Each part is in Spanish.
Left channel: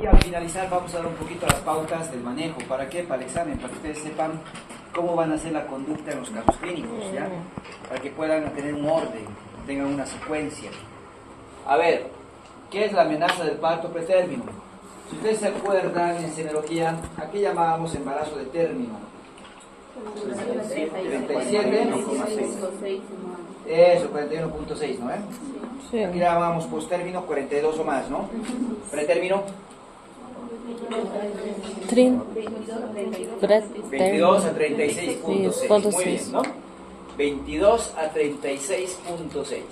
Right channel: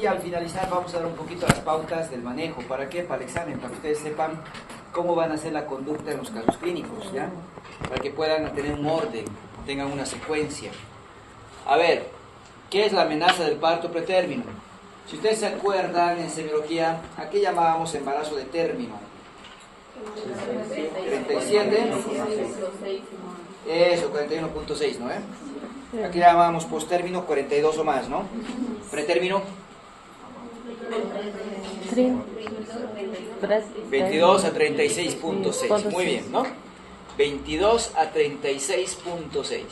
Y al finalizar vamos a dar un poquito las pautas del manejo. ¿Para qué? Para el examen, para que ustedes sepan cómo van a ser la conducta en los casos clínicos, ¿ya? Para que puedan tener un orden, tengan una secuencia. A ver, ¿qué es la amenaza del parto pretérmino? Si ustedes se acuerdan, en semiología, ¿a qué llamábamos embarazo de término? 37. Eso, 41.6, ¿no? Sí. Aquí llamábamos posttérmino 42 o más, ¿no? Pretérmino 22 a 36.6. Muy bien, ¿no? 22 a 36.6.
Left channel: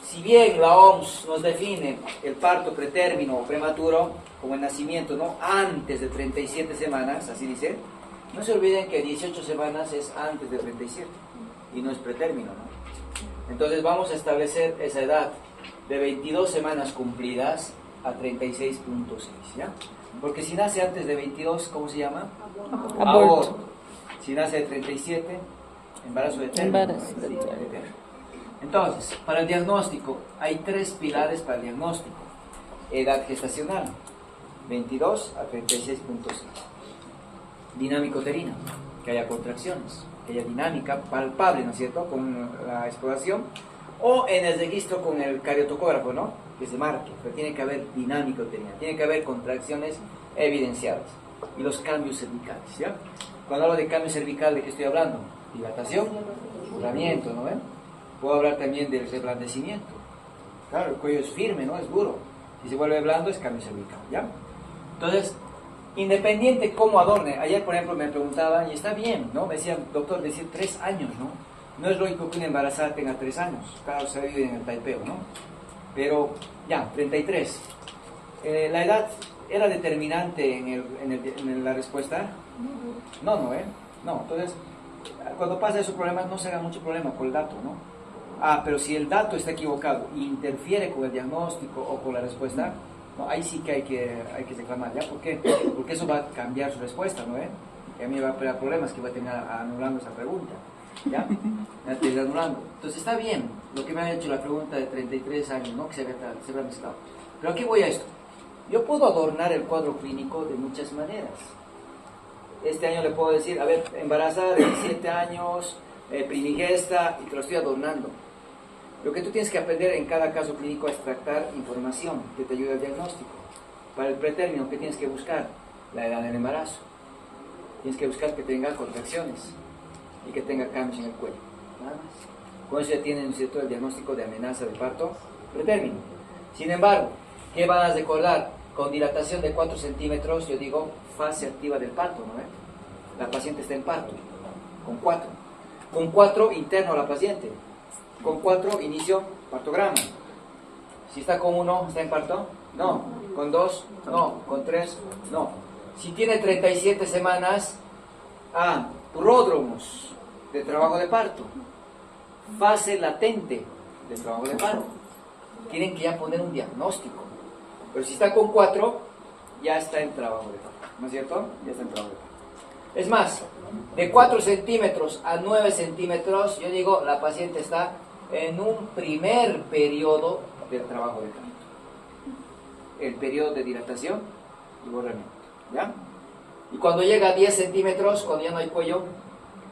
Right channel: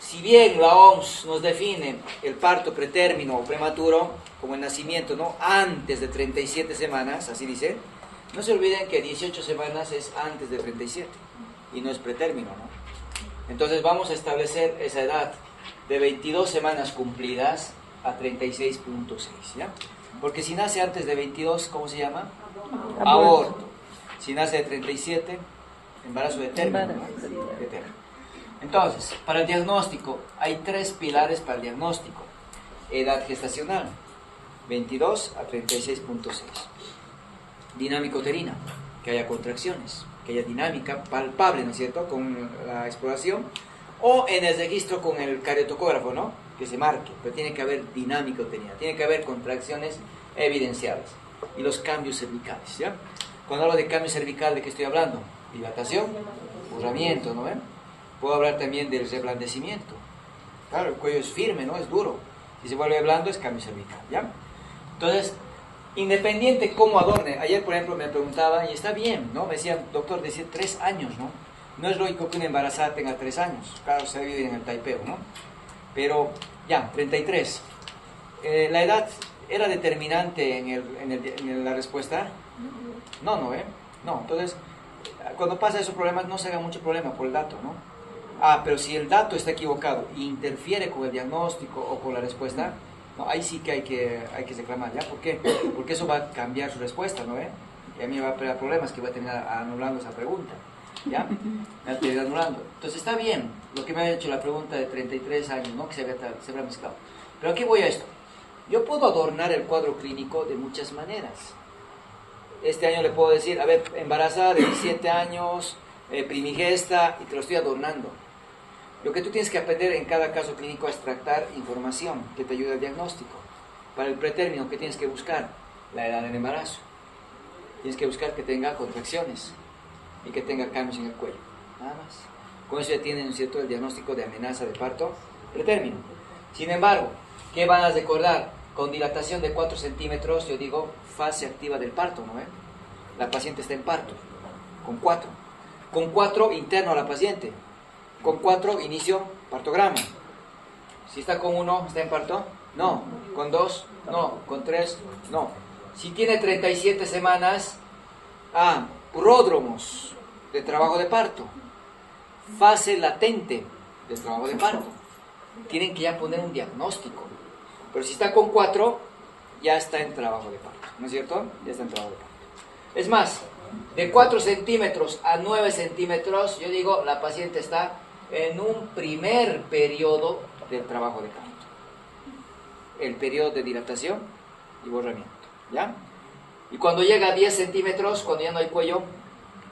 Si bien la OMS nos define el parto pretérmino o prematuro como el nacimiento, ¿no?, antes de 37 semanas, así dice, no se olviden que 18 semanas es antes de 37 y no es pretérmino, ¿no? Entonces vamos a establecer esa edad de 22 semanas cumplidas a 36.6, ¿ya? Porque si nace antes de 22, ¿cómo se llama? Aborto. Si nace de 37, embarazo de término. Entonces, para el diagnóstico, hay 3 pilares para el diagnóstico. Edad gestacional, 22 a 36.6. Dinámica uterina, que haya contracciones, que haya dinámica palpable, ¿no es cierto?, con la exploración, o en el registro con el cariotocógrafo, ¿no?, que se marque, pero tiene que haber dinámica uterina, tiene que haber contracciones evidenciadas, y los cambios cervicales, ¿ya? Cuando hablo de cambio cervical, ¿de qué estoy hablando? Dilatación, curvamiento, ¿no ven? Puedo hablar también del reblandecimiento. Claro, el cuello es firme, ¿no?, es duro. Si se vuelve blando, es cambio cervical, ¿ya? Entonces, independiente cómo adorne. Ayer, por ejemplo, me preguntaban, y está bien, ¿no? Me decían, doctor, decir 3 años, ¿no? No es lógico que una embarazada tenga 3 años. Claro, se vive en el taipeo, ¿no? Pero, ya, 33. ¿La edad era determinante en la respuesta? No, ¿no? No, entonces, cuando pasa esos problemas, no se haga mucho problema por el dato, ¿no? Pero si el dato está equivocado e interfiere con el diagnóstico o con la respuesta, no, ahí sí que hay que reclamar, ¿ya? ¿Por qué? Porque eso va a cambiar su respuesta, ¿no? Y a mí me va a crear problemas que va a terminar anulando esa pregunta, ¿ya? Me va a terminar anulando. Entonces está bien lo que me ha hecho la pregunta de 33 años, ¿no?, que se habrá mezclado. Pero aquí voy a esto. Yo puedo adornar el cuadro clínico de muchas maneras. Este año le puedo decir, a ver, embarazada de 17 años, primigesta, y te lo estoy adornando. Lo que tú tienes que aprender en cada caso clínico es extractar información que te ayude al diagnóstico. Para el pretérmino, ¿qué tienes que buscar? La edad del embarazo. Tienes que buscar que tenga contracciones y que tenga cambios en el cuello. Nada más. Con eso ya tienen, ¿cierto?, el diagnóstico de amenaza de parto pretérmino. Sin embargo, ¿qué van a recordar? Con dilatación de 4 centímetros, yo digo fase activa del parto, ¿no? La paciente está en parto. Con 4. Con 4 interno a la paciente. Con 4 inicio partograma. Si está con 1, ¿está en parto? No. Con 2, no. Con 3, no. Si tiene 37 semanas, pródromos de trabajo de parto. Fase latente del trabajo de parto. Tienen que ya poner un diagnóstico. Pero si está con 4, ya está en trabajo de parto. ¿No es cierto? Ya está en trabajo de parto. Es más, de 4 centímetros a 9 centímetros, yo digo, la paciente está en un primer periodo del trabajo de parto. El periodo de dilatación y borramiento, ¿ya? Y cuando llega a 10 centímetros, cuando ya no hay cuello,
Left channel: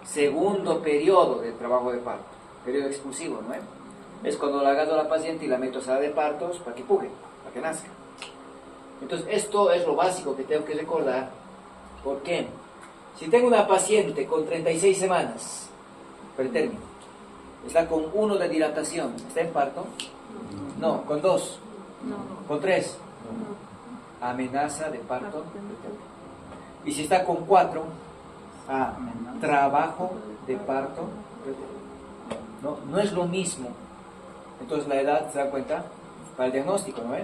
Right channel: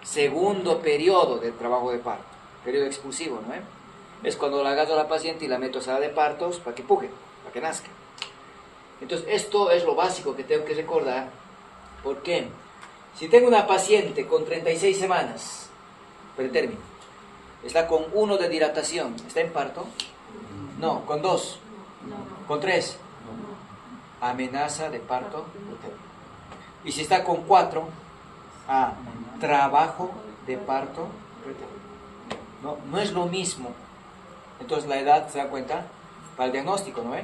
segundo periodo del trabajo de parto, periodo expulsivo, ¿no? Es cuando la agarro a la paciente y la meto a sala de partos para que puje, para que nazca. Entonces, esto es lo básico que tengo que recordar. ¿Por qué? Si tengo una paciente con 36 semanas, pretérmino, está con 1 de dilatación, ¿está en parto? No. ¿Con 2? No. ¿Con 3? No. Amenaza de parto pretérmino. Y si está con 4, trabajo de parto pretérmino. No es lo mismo. Entonces la edad, ¿se da cuenta? Para el diagnóstico, ¿no?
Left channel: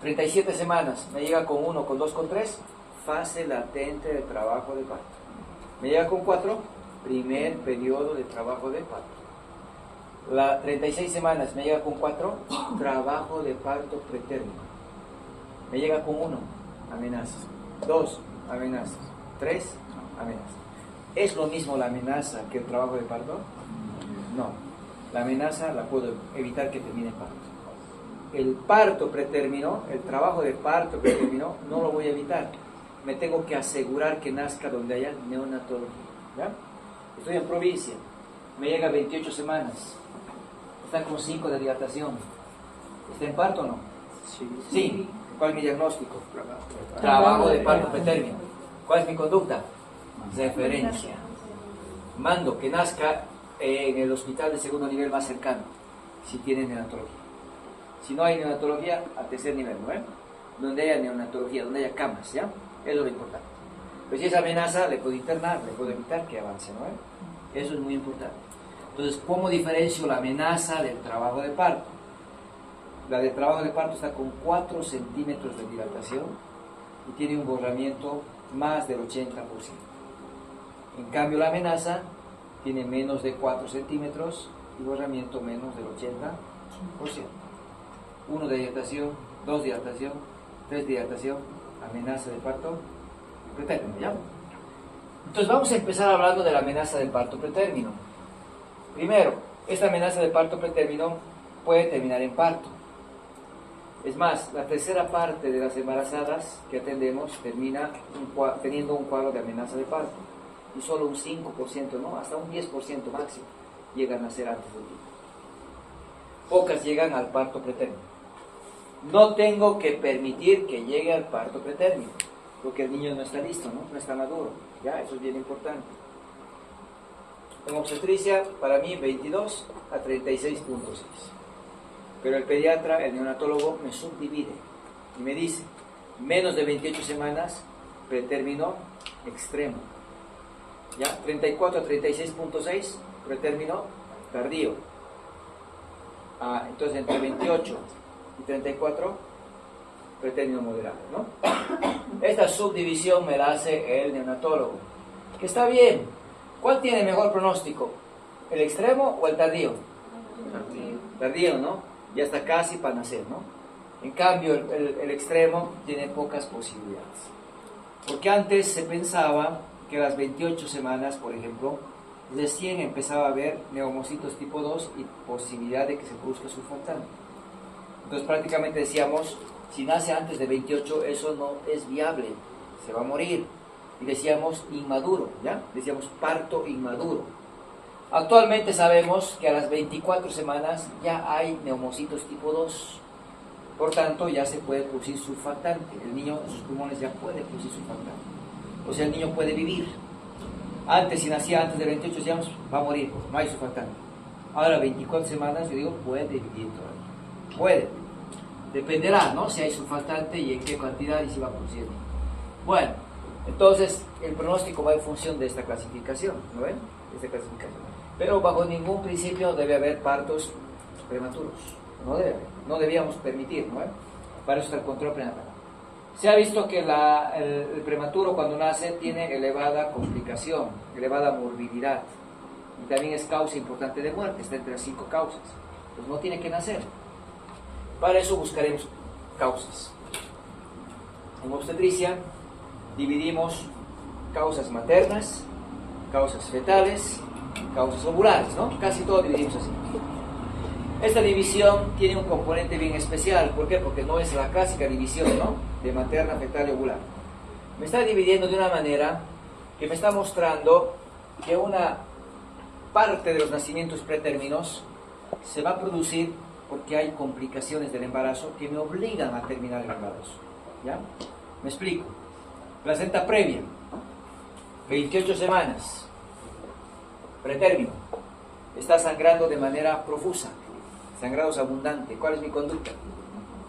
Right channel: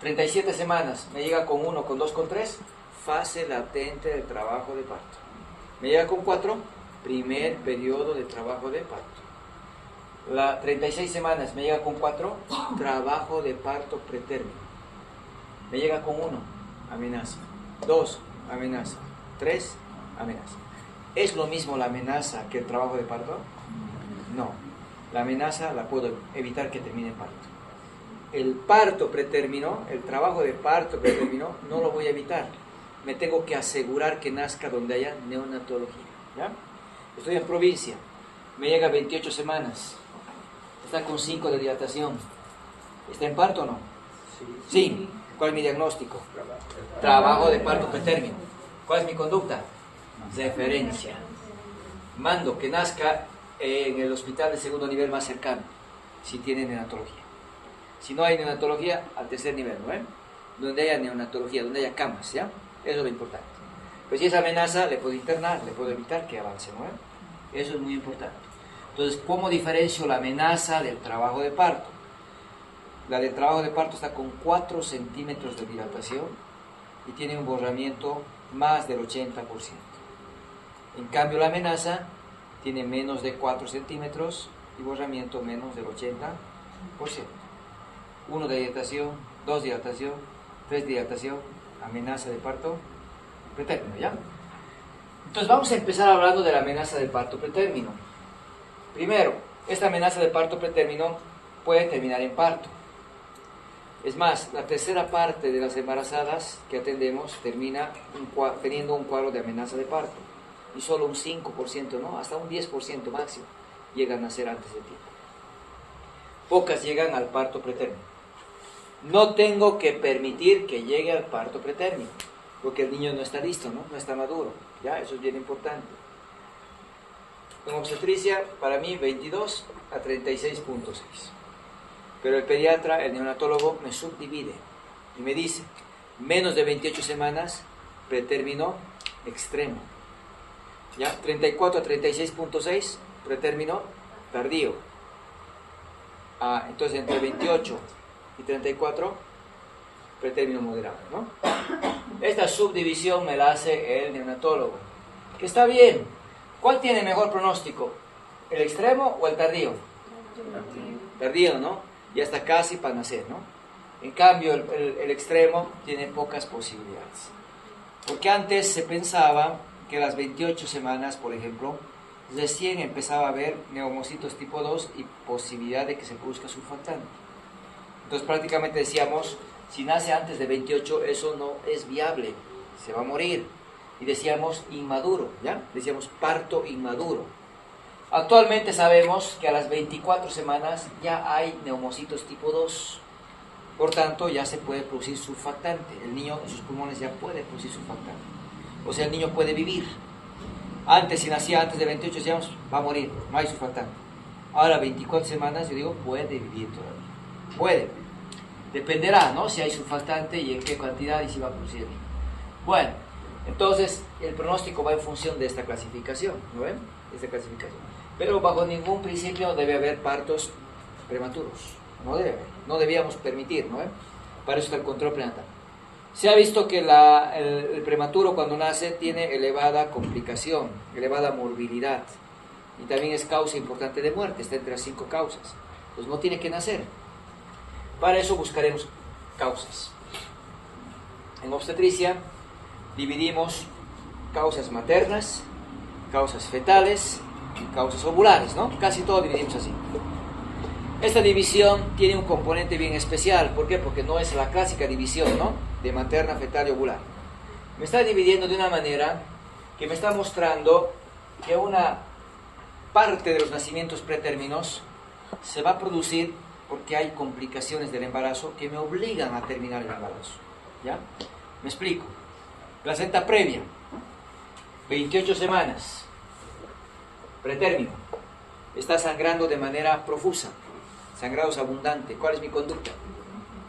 37 semanas, me llega con 1, con 2, con 3, fase latente de trabajo de parto. Me llega con 4, primer periodo de trabajo de parto. 36 semanas, me llega con 4, trabajo de parto pretérmino. Me llega con 1, amenaza. 2, amenaza. 3, amenaza. ¿Es lo mismo la amenaza que el trabajo de parto? No. La amenaza la puedo evitar que termine en parto. el parto pretérmino, el trabajo de parto pretérmino, no lo voy a evitar. Me tengo que asegurar que nazca donde haya neonatología. ¿Ya? Estoy en provincia, me llega 28 semanas, está con 5 de dilatación. ¿Está en parto o no? Sí. ¿Cuál es mi diagnóstico? Trabajo de parto pretérmino. ¿Cuál es mi conducta? Referencia. Mando que nazca en el hospital de segundo nivel más cercano, si tiene neonatología. Si no hay neonatología, al tercer nivel, ¿no? Donde haya neonatología, donde haya camas, ¿ya? Eso es lo importante. Pero si es amenaza, le puedo internar, le puedo evitar que avance, ¿no? Eso es muy importante. Entonces, ¿cómo diferencio la amenaza del trabajo de parto? La del trabajo de parto está con 4 centímetros de dilatación y tiene un borramiento más del 80%. En cambio, la amenaza tiene menos de 4 centímetros y borramiento menos del 80%. 1 de dilatación, 2 de dilatación, 3 de dilatación, amenaza de parto pretérmino, ¿ya? Entonces vamos a empezar hablando de la amenaza de parto pretérmino. Primero, esta amenaza de parto pretérmino puede terminar en parto. Es más, la tercera parte de las embarazadas que atendemos termina teniendo un cuadro de amenaza de parto. Y solo un 5%, no, hasta un 10% máximo llegan a nacer antes del tiempo. Pocas llegan al parto pretérmino. No tengo que permitir que llegue al parto pretérmino, porque el niño no está listo, no está maduro. ¿Ya? Eso es bien importante. En obstetricia, para mí, 22 a 36.6. Pero el pediatra, el neonatólogo, me subdivide y me dice, menos de 28 semanas, pretérmino extremo. ¿Ya? 34 a 36.6, pretérmino tardío. Entonces, entre 28 y 34, pretérmino moderado, ¿no? Esta subdivisión me la hace el neonatólogo, que está bien. ¿Cuál tiene mejor pronóstico? ¿El extremo o el tardío? Tardío, ¿no? Ya está casi para nacer, ¿no? En cambio, el extremo tiene pocas posibilidades. Porque antes se pensaba que a las 28 semanas, por ejemplo, recién empezaba a haber neumocitos tipo 2 y posibilidad de que se produzca surfactante. Entonces prácticamente decíamos, si nace antes de 28, eso no es viable, se va a morir. Y decíamos inmaduro, ¿ya? Decíamos parto inmaduro. Actualmente sabemos que a las 24 semanas ya hay neumocitos tipo 2. Por tanto, ya se puede producir surfactante. El niño en sus pulmones ya puede producir surfactante. O sea, el niño puede vivir. Antes, si nacía antes de 28, decíamos, va a morir, no hay surfactante. Ahora, 24 semanas, yo digo, puede vivir todavía. Puede. Dependerá, ¿no? Si hay surfactante y en qué cantidad y si va a producir. Bueno, entonces, el pronóstico va en función de esta clasificación, ¿no ven? Esta clasificación. Pero bajo ningún principio debe haber partos prematuros. No debe haber. No debíamos permitir, ¿no? Para eso está el control prenatal. Se ha visto que el prematuro cuando nace tiene elevada complicación, elevada morbilidad y también es causa importante de muerte, está entre las 5 causas. Entonces no tiene que nacer. Para eso buscaremos causas. En obstetricia dividimos causas maternas, causas fetales y causas ovulares, ¿no? Casi todo dividimos así. Esta división tiene un componente bien especial. ¿Por qué? Porque no es la clásica división, ¿no? De materna, fetal y ovular. Me está dividiendo de una manera que me está mostrando que una parte de los nacimientos pretérminos se va a producir porque hay complicaciones del embarazo que me obligan a terminar el embarazo. ¿Ya? Me explico. Placenta previa, 28 semanas, pretérmino, está sangrando de manera profusa. Sangrados abundante. ¿Cuál es mi conducta?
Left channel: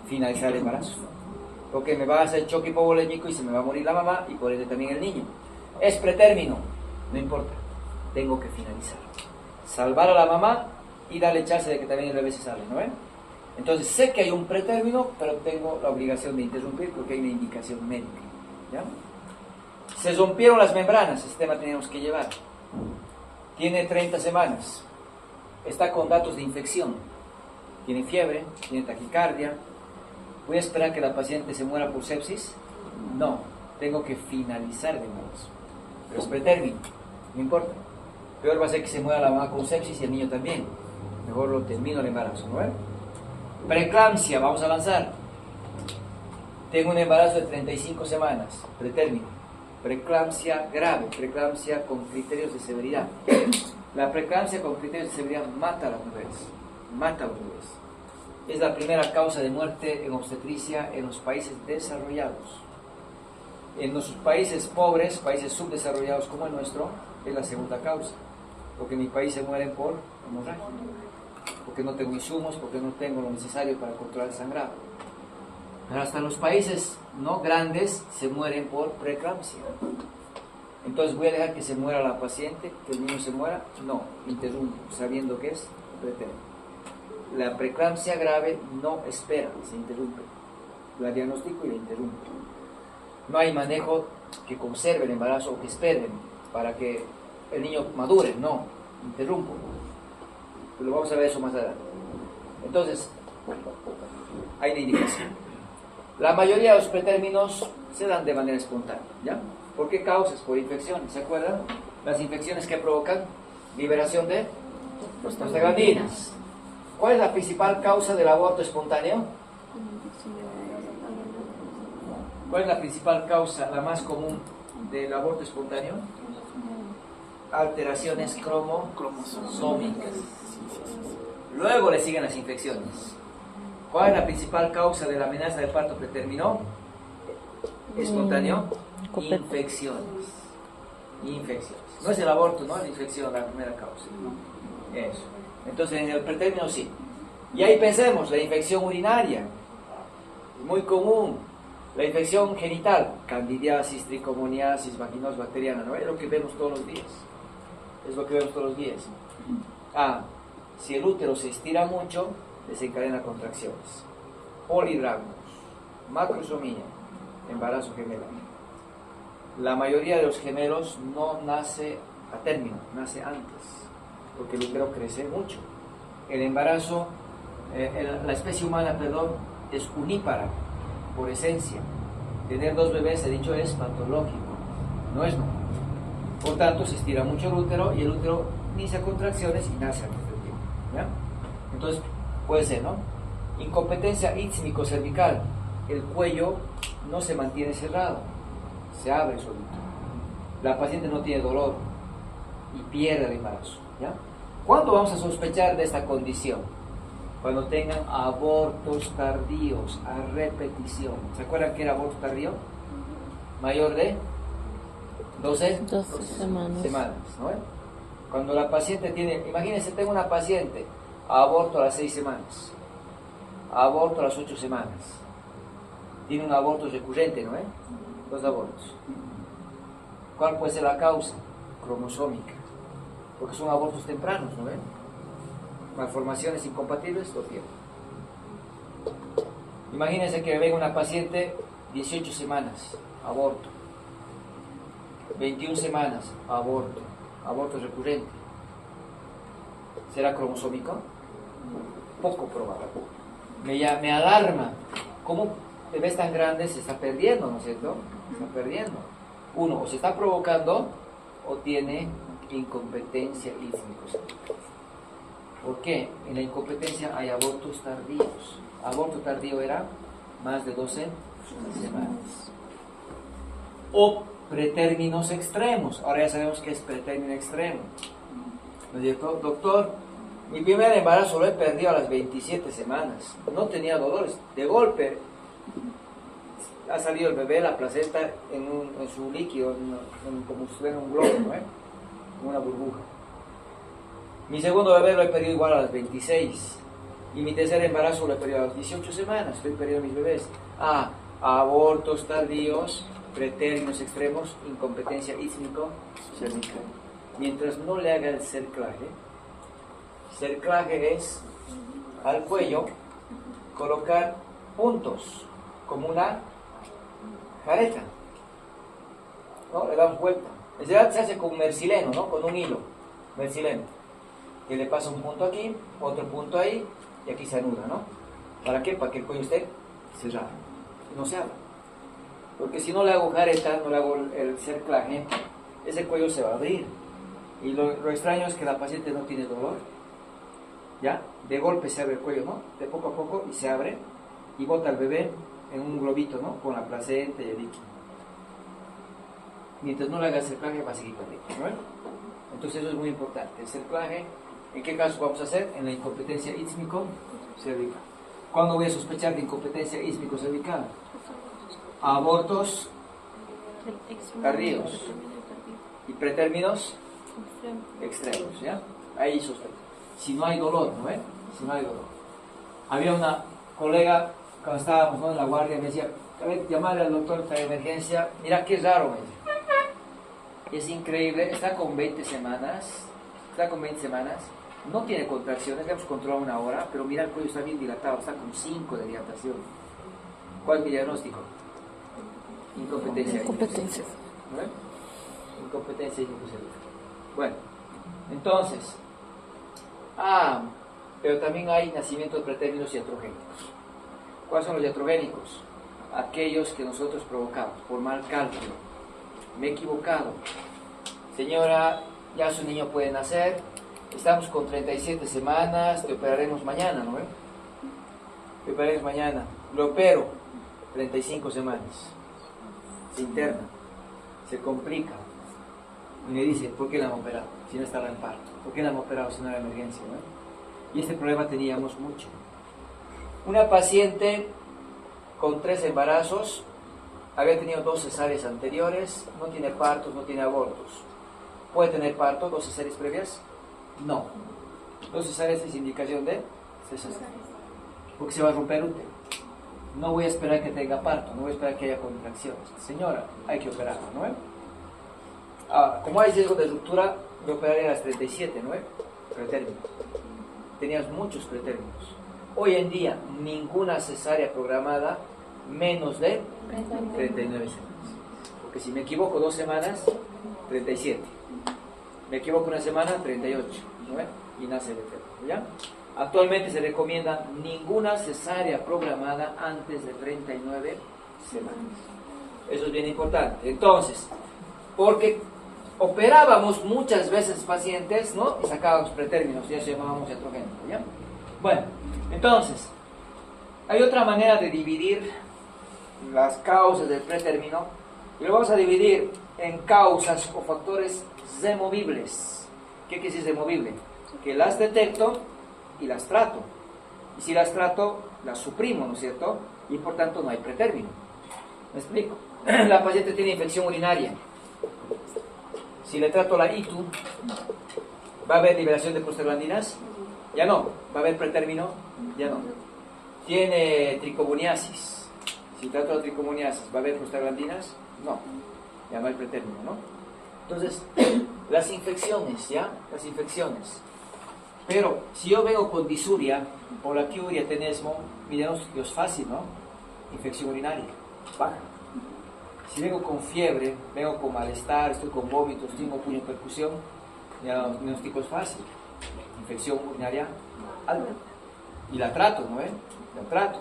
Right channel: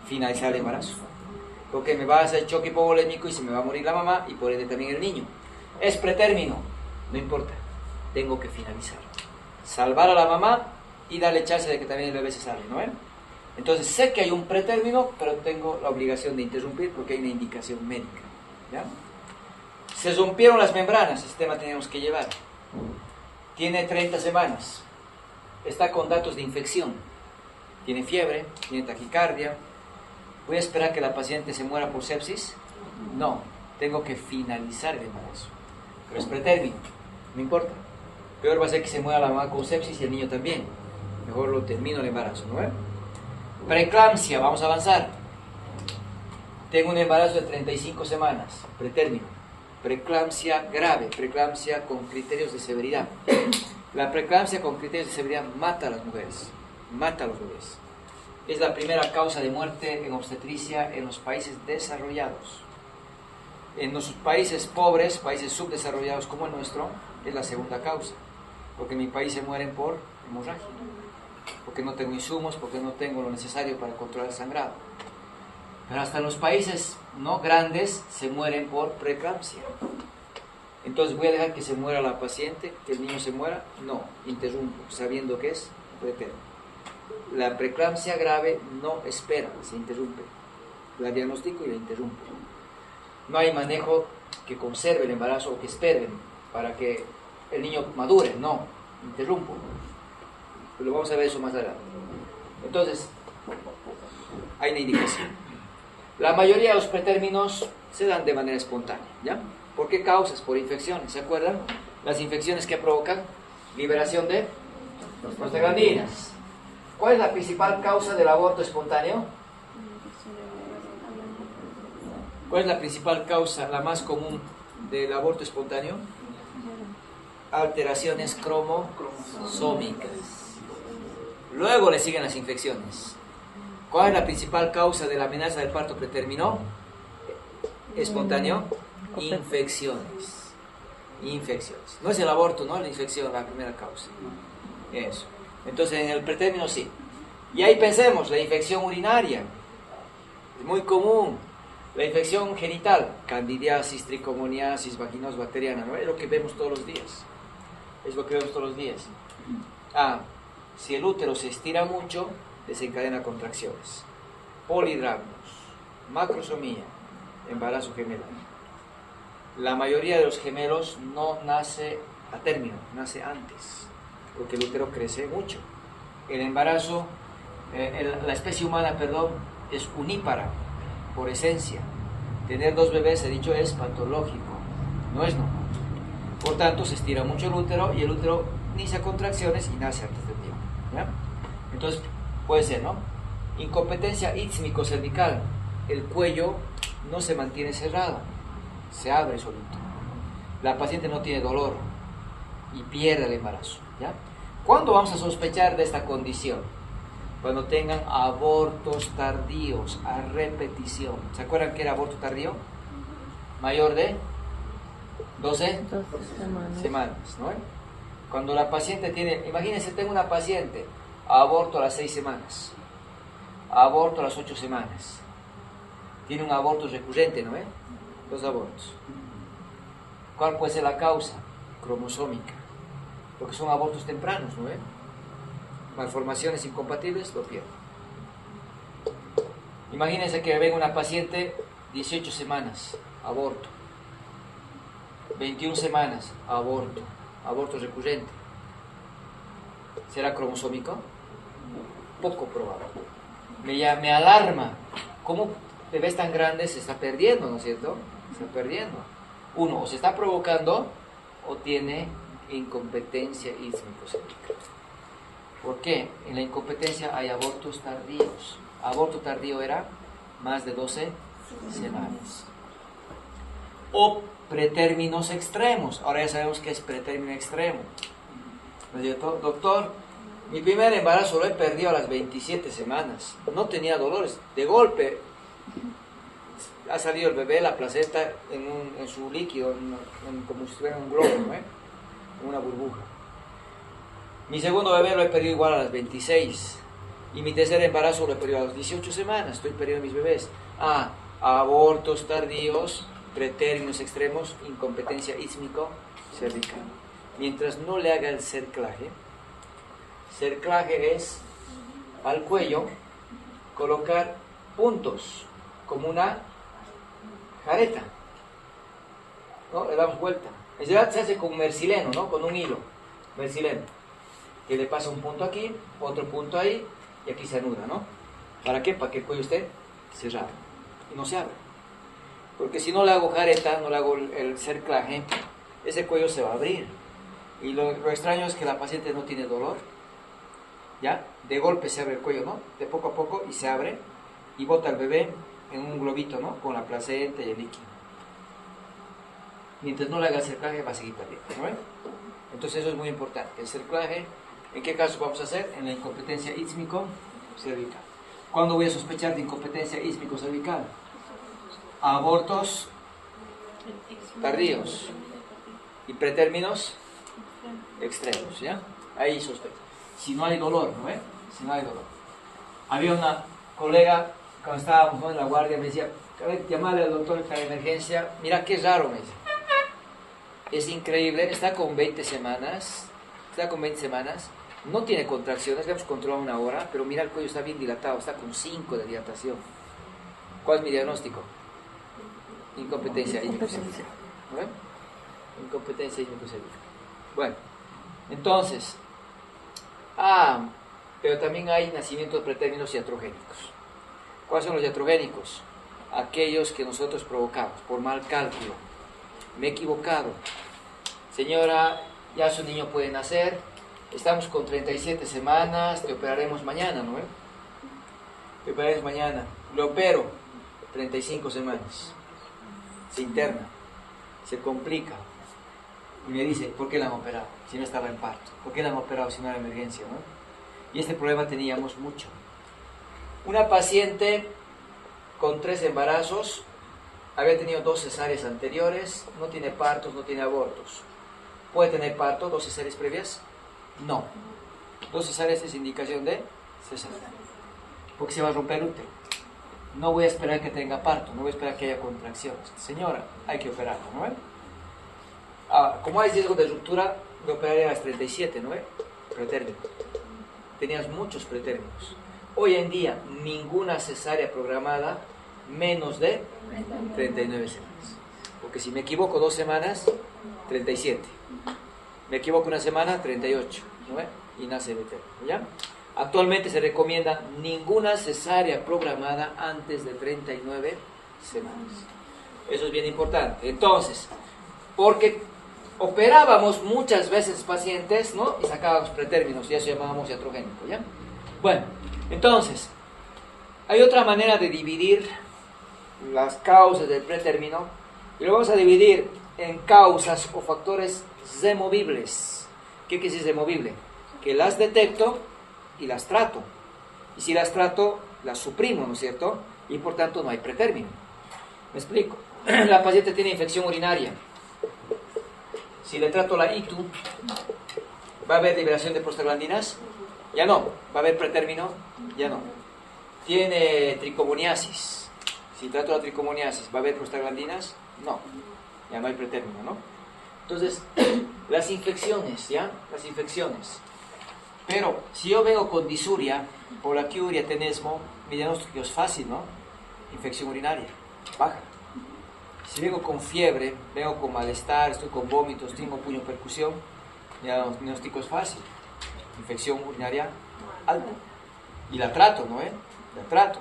Finalizar el embarazo. Porque me va a hacer choque hipovolémico y se me va a morir la mamá y por ende también el niño. Es pretérmino. No importa. Tengo que finalizar. Salvar a la mamá y darle chance de que también el bebé se salve, ¿no ven? Entonces sé que hay un pretérmino, pero tengo la obligación de interrumpir porque hay una indicación médica. ¿Ya? Se rompieron las membranas. Este tema tenemos que llevar. Tiene 30 semanas. Está con datos de infección. Tiene fiebre, tiene taquicardia. ¿Voy a esperar que la paciente se muera por sepsis? No, tengo que finalizar el embarazo. Pero es pretérmino, no importa. Peor va a ser que se muera la mamá con sepsis y el niño también. Mejor lo termino el embarazo, ¿no? Preeclampsia, vamos a avanzar. Tengo un embarazo de 35 semanas, pretérmino. Preeclampsia grave, preeclampsia con criterios de severidad. La preeclampsia con criterios de severidad mata a las mujeres, mata a los bebés. Es la primera causa de muerte en obstetricia en los países desarrollados. En los países pobres, países subdesarrollados como el nuestro, es la segunda causa. Porque en mi país se mueren por hemorragia, porque no tengo insumos, porque no tengo lo necesario para controlar el sangrado. Pero hasta en los países no grandes se mueren por preeclampsia. Entonces, ¿voy a dejar que se muera la paciente, que el niño se muera? No, interrumpo, sabiendo que es pretérmino. La preeclampsia grave no espera, se interrumpe. La diagnostico y la interrumpo. No hay manejo que conserve el embarazo o que esperen para que el niño madure, no, interrumpo. Pero vamos a ver eso más adelante. Entonces, hay una indicación. La mayoría de los pretérminos se dan de manera espontánea, ¿ya? ¿Por qué causas? Por infecciones, ¿se acuerdan? Las infecciones que provocan liberación de prostaglandinas. ¿Cuál es la principal causa del aborto espontáneo? ¿Cuál es la principal causa, la más común del aborto espontáneo? Alteraciones cromosómicas. Luego le siguen las infecciones. ¿Cuál es la principal causa de la amenaza del parto preterminó? Espontáneo. Infecciones. Infecciones. No es el aborto, ¿no? La infección, la primera causa. Eso. Entonces en el pretérmino sí. Y ahí pensemos, la infección urinaria. Es muy común. La infección genital, candidiasis, tricomoniasis, vaginosis bacteriana, ¿no? Es lo que vemos todos los días. Es lo que vemos todos los días. Si el útero se estira mucho, desencadena contracciones. Polidragmos, macrosomía, embarazo gemelar. La mayoría de los gemelos no nace a término, nace antes, porque el útero crece mucho. El embarazo, la especie humana, es unípara, por esencia. Tener dos bebés, he dicho, es patológico, no es normal. Por tanto, se estira mucho el útero y el útero inicia contracciones y nace antes del tiempo, ¿ya? Entonces, puede ser, ¿no? Incompetencia ístmico-cervical. El cuello no se mantiene cerrado, se abre solito. La paciente no tiene dolor y pierde el embarazo, ¿ya? ¿Cuándo vamos a sospechar de esta condición? Cuando tengan abortos tardíos a repetición. ¿Se acuerdan qué era aborto tardío? Mayor de 12 semanas, ¿no? Cuando la paciente tiene, imagínense, tengo una paciente, aborto a las 6 semanas, aborto a las 8 semanas, tiene un aborto recurrente, ¿no? 2 abortos. ¿Cuál puede ser la causa? Cromosómica, porque son abortos tempranos, ¿no? Malformaciones incompatibles, lo tiene. Imagínense que venga una paciente 18 semanas, aborto, 21 semanas, aborto, aborto recurrente. ¿Será cromosómico? Poco probable. Me alarma. ¿Cómo bebés tan grandes se está perdiendo, ¿no es cierto? Se está perdiendo. Uno, o se está provocando o tiene incompetencia ístmico-cervical. ¿Por qué? En la incompetencia hay abortos tardíos. Aborto tardío era más de 12 semanas. O pretérminos extremos. Ahora ya sabemos qué es pretérmino extremo. ¿No es cierto? Doctor, mi primer embarazo lo he perdido a las 27 semanas. No tenía dolores. De golpe ha salido el bebé, la placenta, en su líquido, como si fuera un globo, ¿no? Una burbuja. Mi segundo bebé lo he perdido igual a las 26. Y mi tercer embarazo lo he perdido a las 18 semanas. Estoy perdiendo mis bebés. Abortos tardíos, pretérminos extremos, incompetencia ístmico-cervical. Mientras no le haga el cerclaje es al cuello colocar puntos, como una careta, ¿no? Le damos vuelta. En realidad se hace con mercileno, ¿no? Con un hilo, mercileno, que le pasa un punto aquí, otro punto ahí, y aquí se anuda, ¿no? ¿Para qué? Para que el cuello esté cerrado y no se abra. Porque si no le hago careta, no le hago el cerclaje, ese cuello se va a abrir. Y lo extraño es que la paciente no tiene dolor, ¿ya? de golpe se abre el cuello, ¿no? De poco a poco y se abre y bota al bebé en un globito, ¿no? Con la placenta y el líquido. Mientras no le haga cerclaje va a seguir también, ¿no? Entonces eso es muy importante. El cerclaje, ¿en qué caso vamos a hacer? En la incompetencia ísmico-cervical. ¿Cuándo voy a sospechar de incompetencia ísmico-cervical? Abortos tardíos y pretérminos extremos, ¿ya? Ahí sospecho. Si no hay dolor, ¿no? Si no hay dolor. Había una colega, cuando estábamos, ¿no?, en la guardia, me decía, llamarle al doctor para emergencia, mira qué raro, me dice. Es increíble, está con 20 semanas, no tiene contracciones, le hemos controlado 1 hora, pero mira el cuello está bien dilatado, está con 5 de dilatación. ¿Cuál es mi diagnóstico? Incompetencia ísmico-cervical. ¿No? Incompetencia ísmico-cervical. Bueno, entonces, pero también hay nacimientos pretérminos iatrogénicos. ¿Cuáles son los iatrogénicos? Aquellos que nosotros provocamos por mal cálculo. Me he equivocado. Señora, ya su niño puede nacer, estamos con 37 semanas, te operaremos mañana, ¿no? Te operaremos mañana. Lo opero, 35 semanas. Se interna, se complica. Y me dice, ¿por qué la han operado? Si no estaba en parto. ¿Por qué la han operado si no era emergencia, no? Y este problema teníamos mucho. Una paciente con 3 embarazos, había tenido 2 cesáreas anteriores, no tiene partos, no tiene abortos. ¿Puede tener parto 2 cesáreas previas? No. 2 cesáreas es indicación de cesárea, porque se va a romper el útero. No voy a esperar que tenga parto, no voy a esperar que haya contracciones. Señora, hay que operarla, ¿no? Como hay riesgo de ruptura, me operaré a las 37, ¿no? Pretérminos. Tenías muchos pretérminos. Hoy en día, ninguna cesárea programada menos de 39 semanas. Porque si me equivoco 2 semanas, 37. Me equivoco 1 semana, 38. ¿no? Y nace el bebé, ¿ya? Actualmente se recomienda ninguna cesárea programada antes de 39 semanas. Eso es bien importante. Entonces, porque operábamos muchas veces pacientes, ¿no? Y sacábamos pretérminos, y eso llamábamos iatrogénico, ¿ya? Bueno, entonces, hay otra manera de dividir las causas del pretérmino, y lo vamos a dividir en causas o factores removibles. ¿Qué quiere decir removible? Que las detecto y las trato. Y si las trato, las suprimo, ¿no es cierto? Y por tanto no hay pretérmino. ¿Me explico? La paciente tiene infección urinaria. Si le trato la ITU, ¿va a haber liberación de prostaglandinas? Ya no. ¿Va a haber pretérmino? Ya no. Tiene tricomoniasis. Si trato la tricomoniasis, ¿va a haber prostaglandinas? No. Ya no hay pretérmino, ¿no? Entonces, las infecciones, ¿ya? Las infecciones. Pero, si yo vengo con disuria, polaquiuria, tenesmo, mi diagnóstico es fácil, ¿no? Infección urinaria, baja. Si vengo con fiebre, vengo con malestar, estoy con vómitos, tengo puño percusión, mi diagnóstico es fácil. Infección urinaria alta. Y la trato, ¿no? La trato.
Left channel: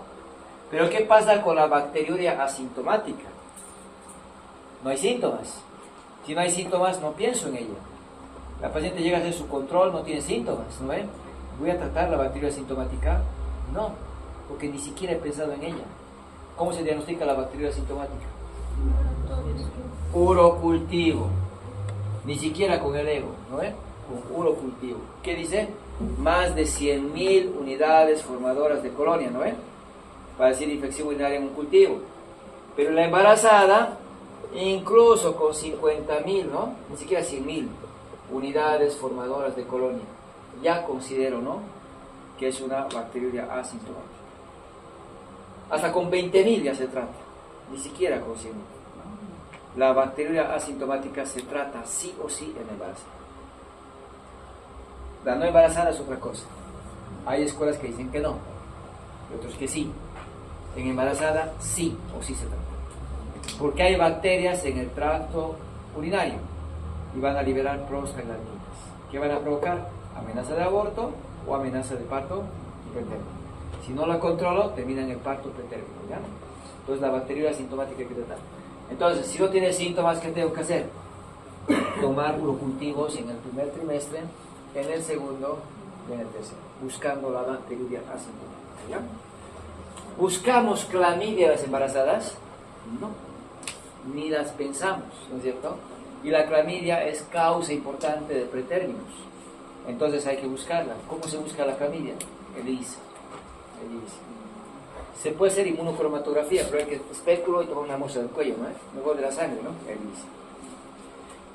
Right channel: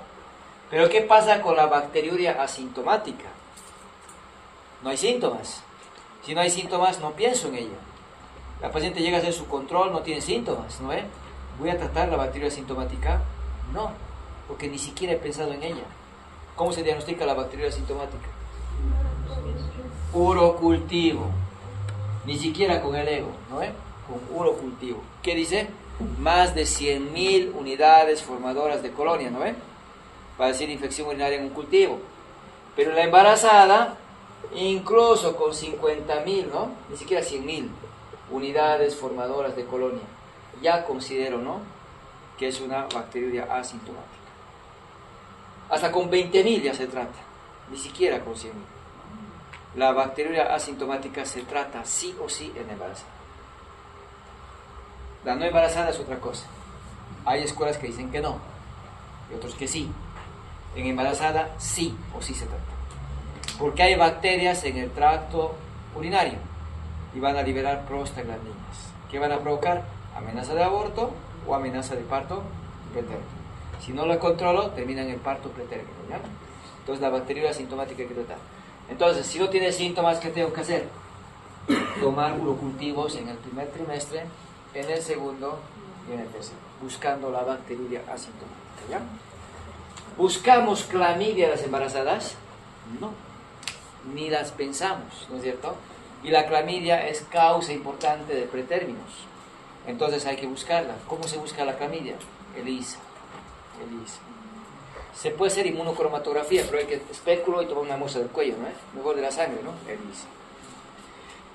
Pero ¿qué pasa con la bacteriuria asintomática? No hay síntomas. Si no hay síntomas, no pienso en ella. La paciente llega a hacer su control, no tiene síntomas, ¿no? ¿Voy a tratar la bacteria asintomática? No, porque ni siquiera he pensado en ella. ¿Cómo se diagnostica la bacteria asintomática? Urocultivo. Ni siquiera con el ego, ¿no? Con urocultivo. ¿Qué dice? Más de 100.000 unidades formadoras de colonia, ¿no? Para decir infección urinaria en un cultivo. Pero la embarazada, incluso con 50.000, ¿no? Ni siquiera 100.000 unidades formadoras de colonia. Ya considero, ¿no?, que es una bacteriuria asintomática. Hasta con 20.000 ya se trata, ni siquiera con 100.000. La bacteriuria asintomática se trata sí o sí en embarazada. La no embarazada es otra cosa. Hay escuelas que dicen que no, y otros que sí. En embarazada sí o sí se trata. Porque hay bacterias en el tracto urinario y van a liberar prostaglandinas. ¿Qué van a provocar? Amenaza de aborto o amenaza de parto pretérmino. Si no la controlo, termina en el parto pretérmino, ¿ya? Entonces la bacteria asintomática hay que tratar. Entonces, si no tiene síntomas, ¿qué tengo que hacer? Tomar urocultivos en el primer trimestre, en el segundo Y en el tercero, buscando la bacteriuria asintomática. ¿Ya? ¿Buscamos clamidia en las embarazadas? No, ni las pensamos, ¿no es cierto? Y la clamidia es causa importante de pretérminos. Entonces hay que buscarla. ¿Cómo se busca la clamidia? ELISA. Se puede hacer inmunocromatografía, pero hay que especulo y tomar una muestra del cuello, ¿no? Mejor de la sangre, ¿no? ELISA.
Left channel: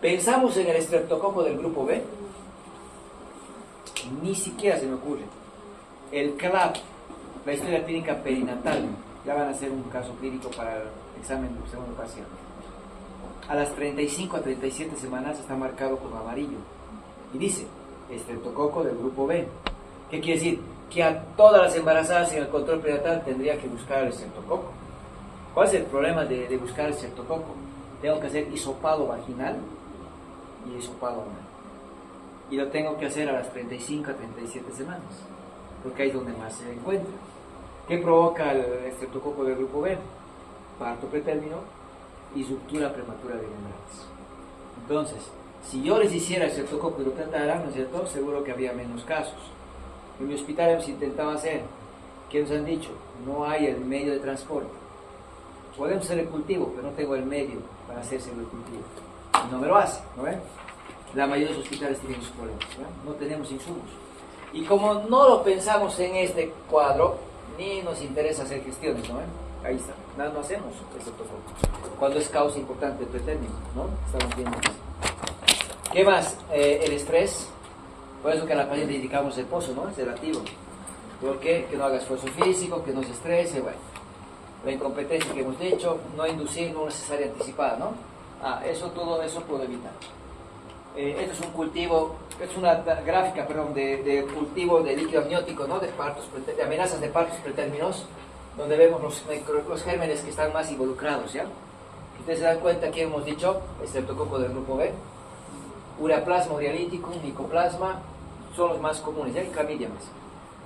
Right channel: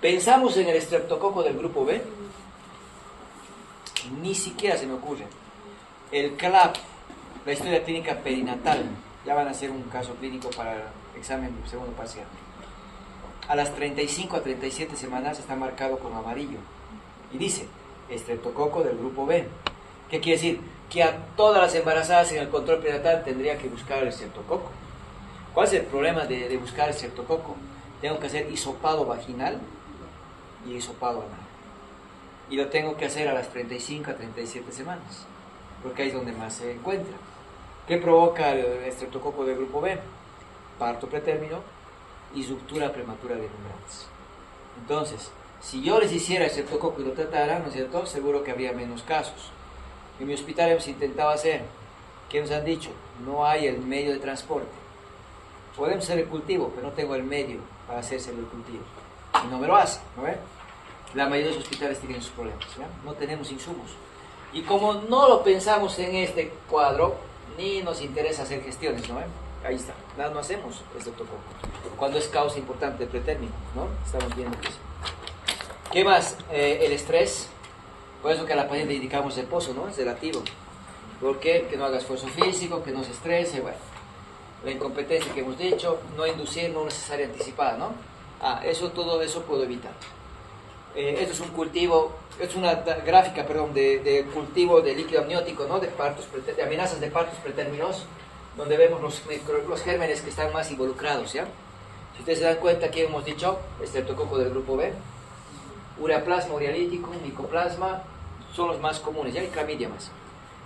¿Pensamos en el estreptococo del grupo B? Ni siquiera se me ocurre. El CLAP, la historia clínica perinatal, ya van a hacer un caso clínico para el examen del segundo paciente. A las 35 a 37 semanas está marcado con amarillo y dice estreptococo del grupo B. ¿Qué quiere decir? Que a todas las embarazadas en el control prenatal tendría que buscar el estreptococo. ¿Cuál es el problema de buscar el estreptococo? Tengo que hacer hisopado vaginal y hisopado anal. Y lo tengo que hacer a las 35 a 37 semanas, porque ahí es donde más se encuentra. ¿Qué provoca el estreptococo del grupo B? Parto pretérmino y ruptura prematura de neuronas. Entonces, si yo les hiciera estreptococo y lo tratara, ¿no es cierto?, seguro que habría menos casos. En mi hospital hemos intentado hacer, ¿qué nos han dicho? No hay el medio de transporte. Podemos hacer el cultivo, pero no tengo el medio para hacerse el cultivo. Y no me lo hace, ¿no ven? La mayoría de los hospitales tienen sus problemas, ¿ya? No tenemos insumos. Y como no lo pensamos en este cuadro, ni nos interesa hacer gestiones, ¿no ven? Ahí está, nada no hacemos estreptococo. Cuando es causa importante de pretérmino, ¿no? Estamos viendo eso. ¿Qué más? El estrés. Por eso que a la paciente indicamos el pozo, ¿no? Es relativo. ¿Por qué? Que no haga esfuerzo físico, que no se estrese, bueno. La incompetencia que hemos dicho, no inducir, no necesaria anticipada, ¿no? Todo eso puedo evitar. Esto es un cultivo, es una gráfica, perdón, de cultivo de líquido amniótico, ¿no? De amenazas de partos pretérminos, donde vemos los gérmenes que están más involucrados, ¿ya? Si ustedes se dan cuenta, aquí hemos dicho, estreptococo del grupo B, ureaplasma urealítico, micoplasma, son los más comunes, ya hay clamidia más,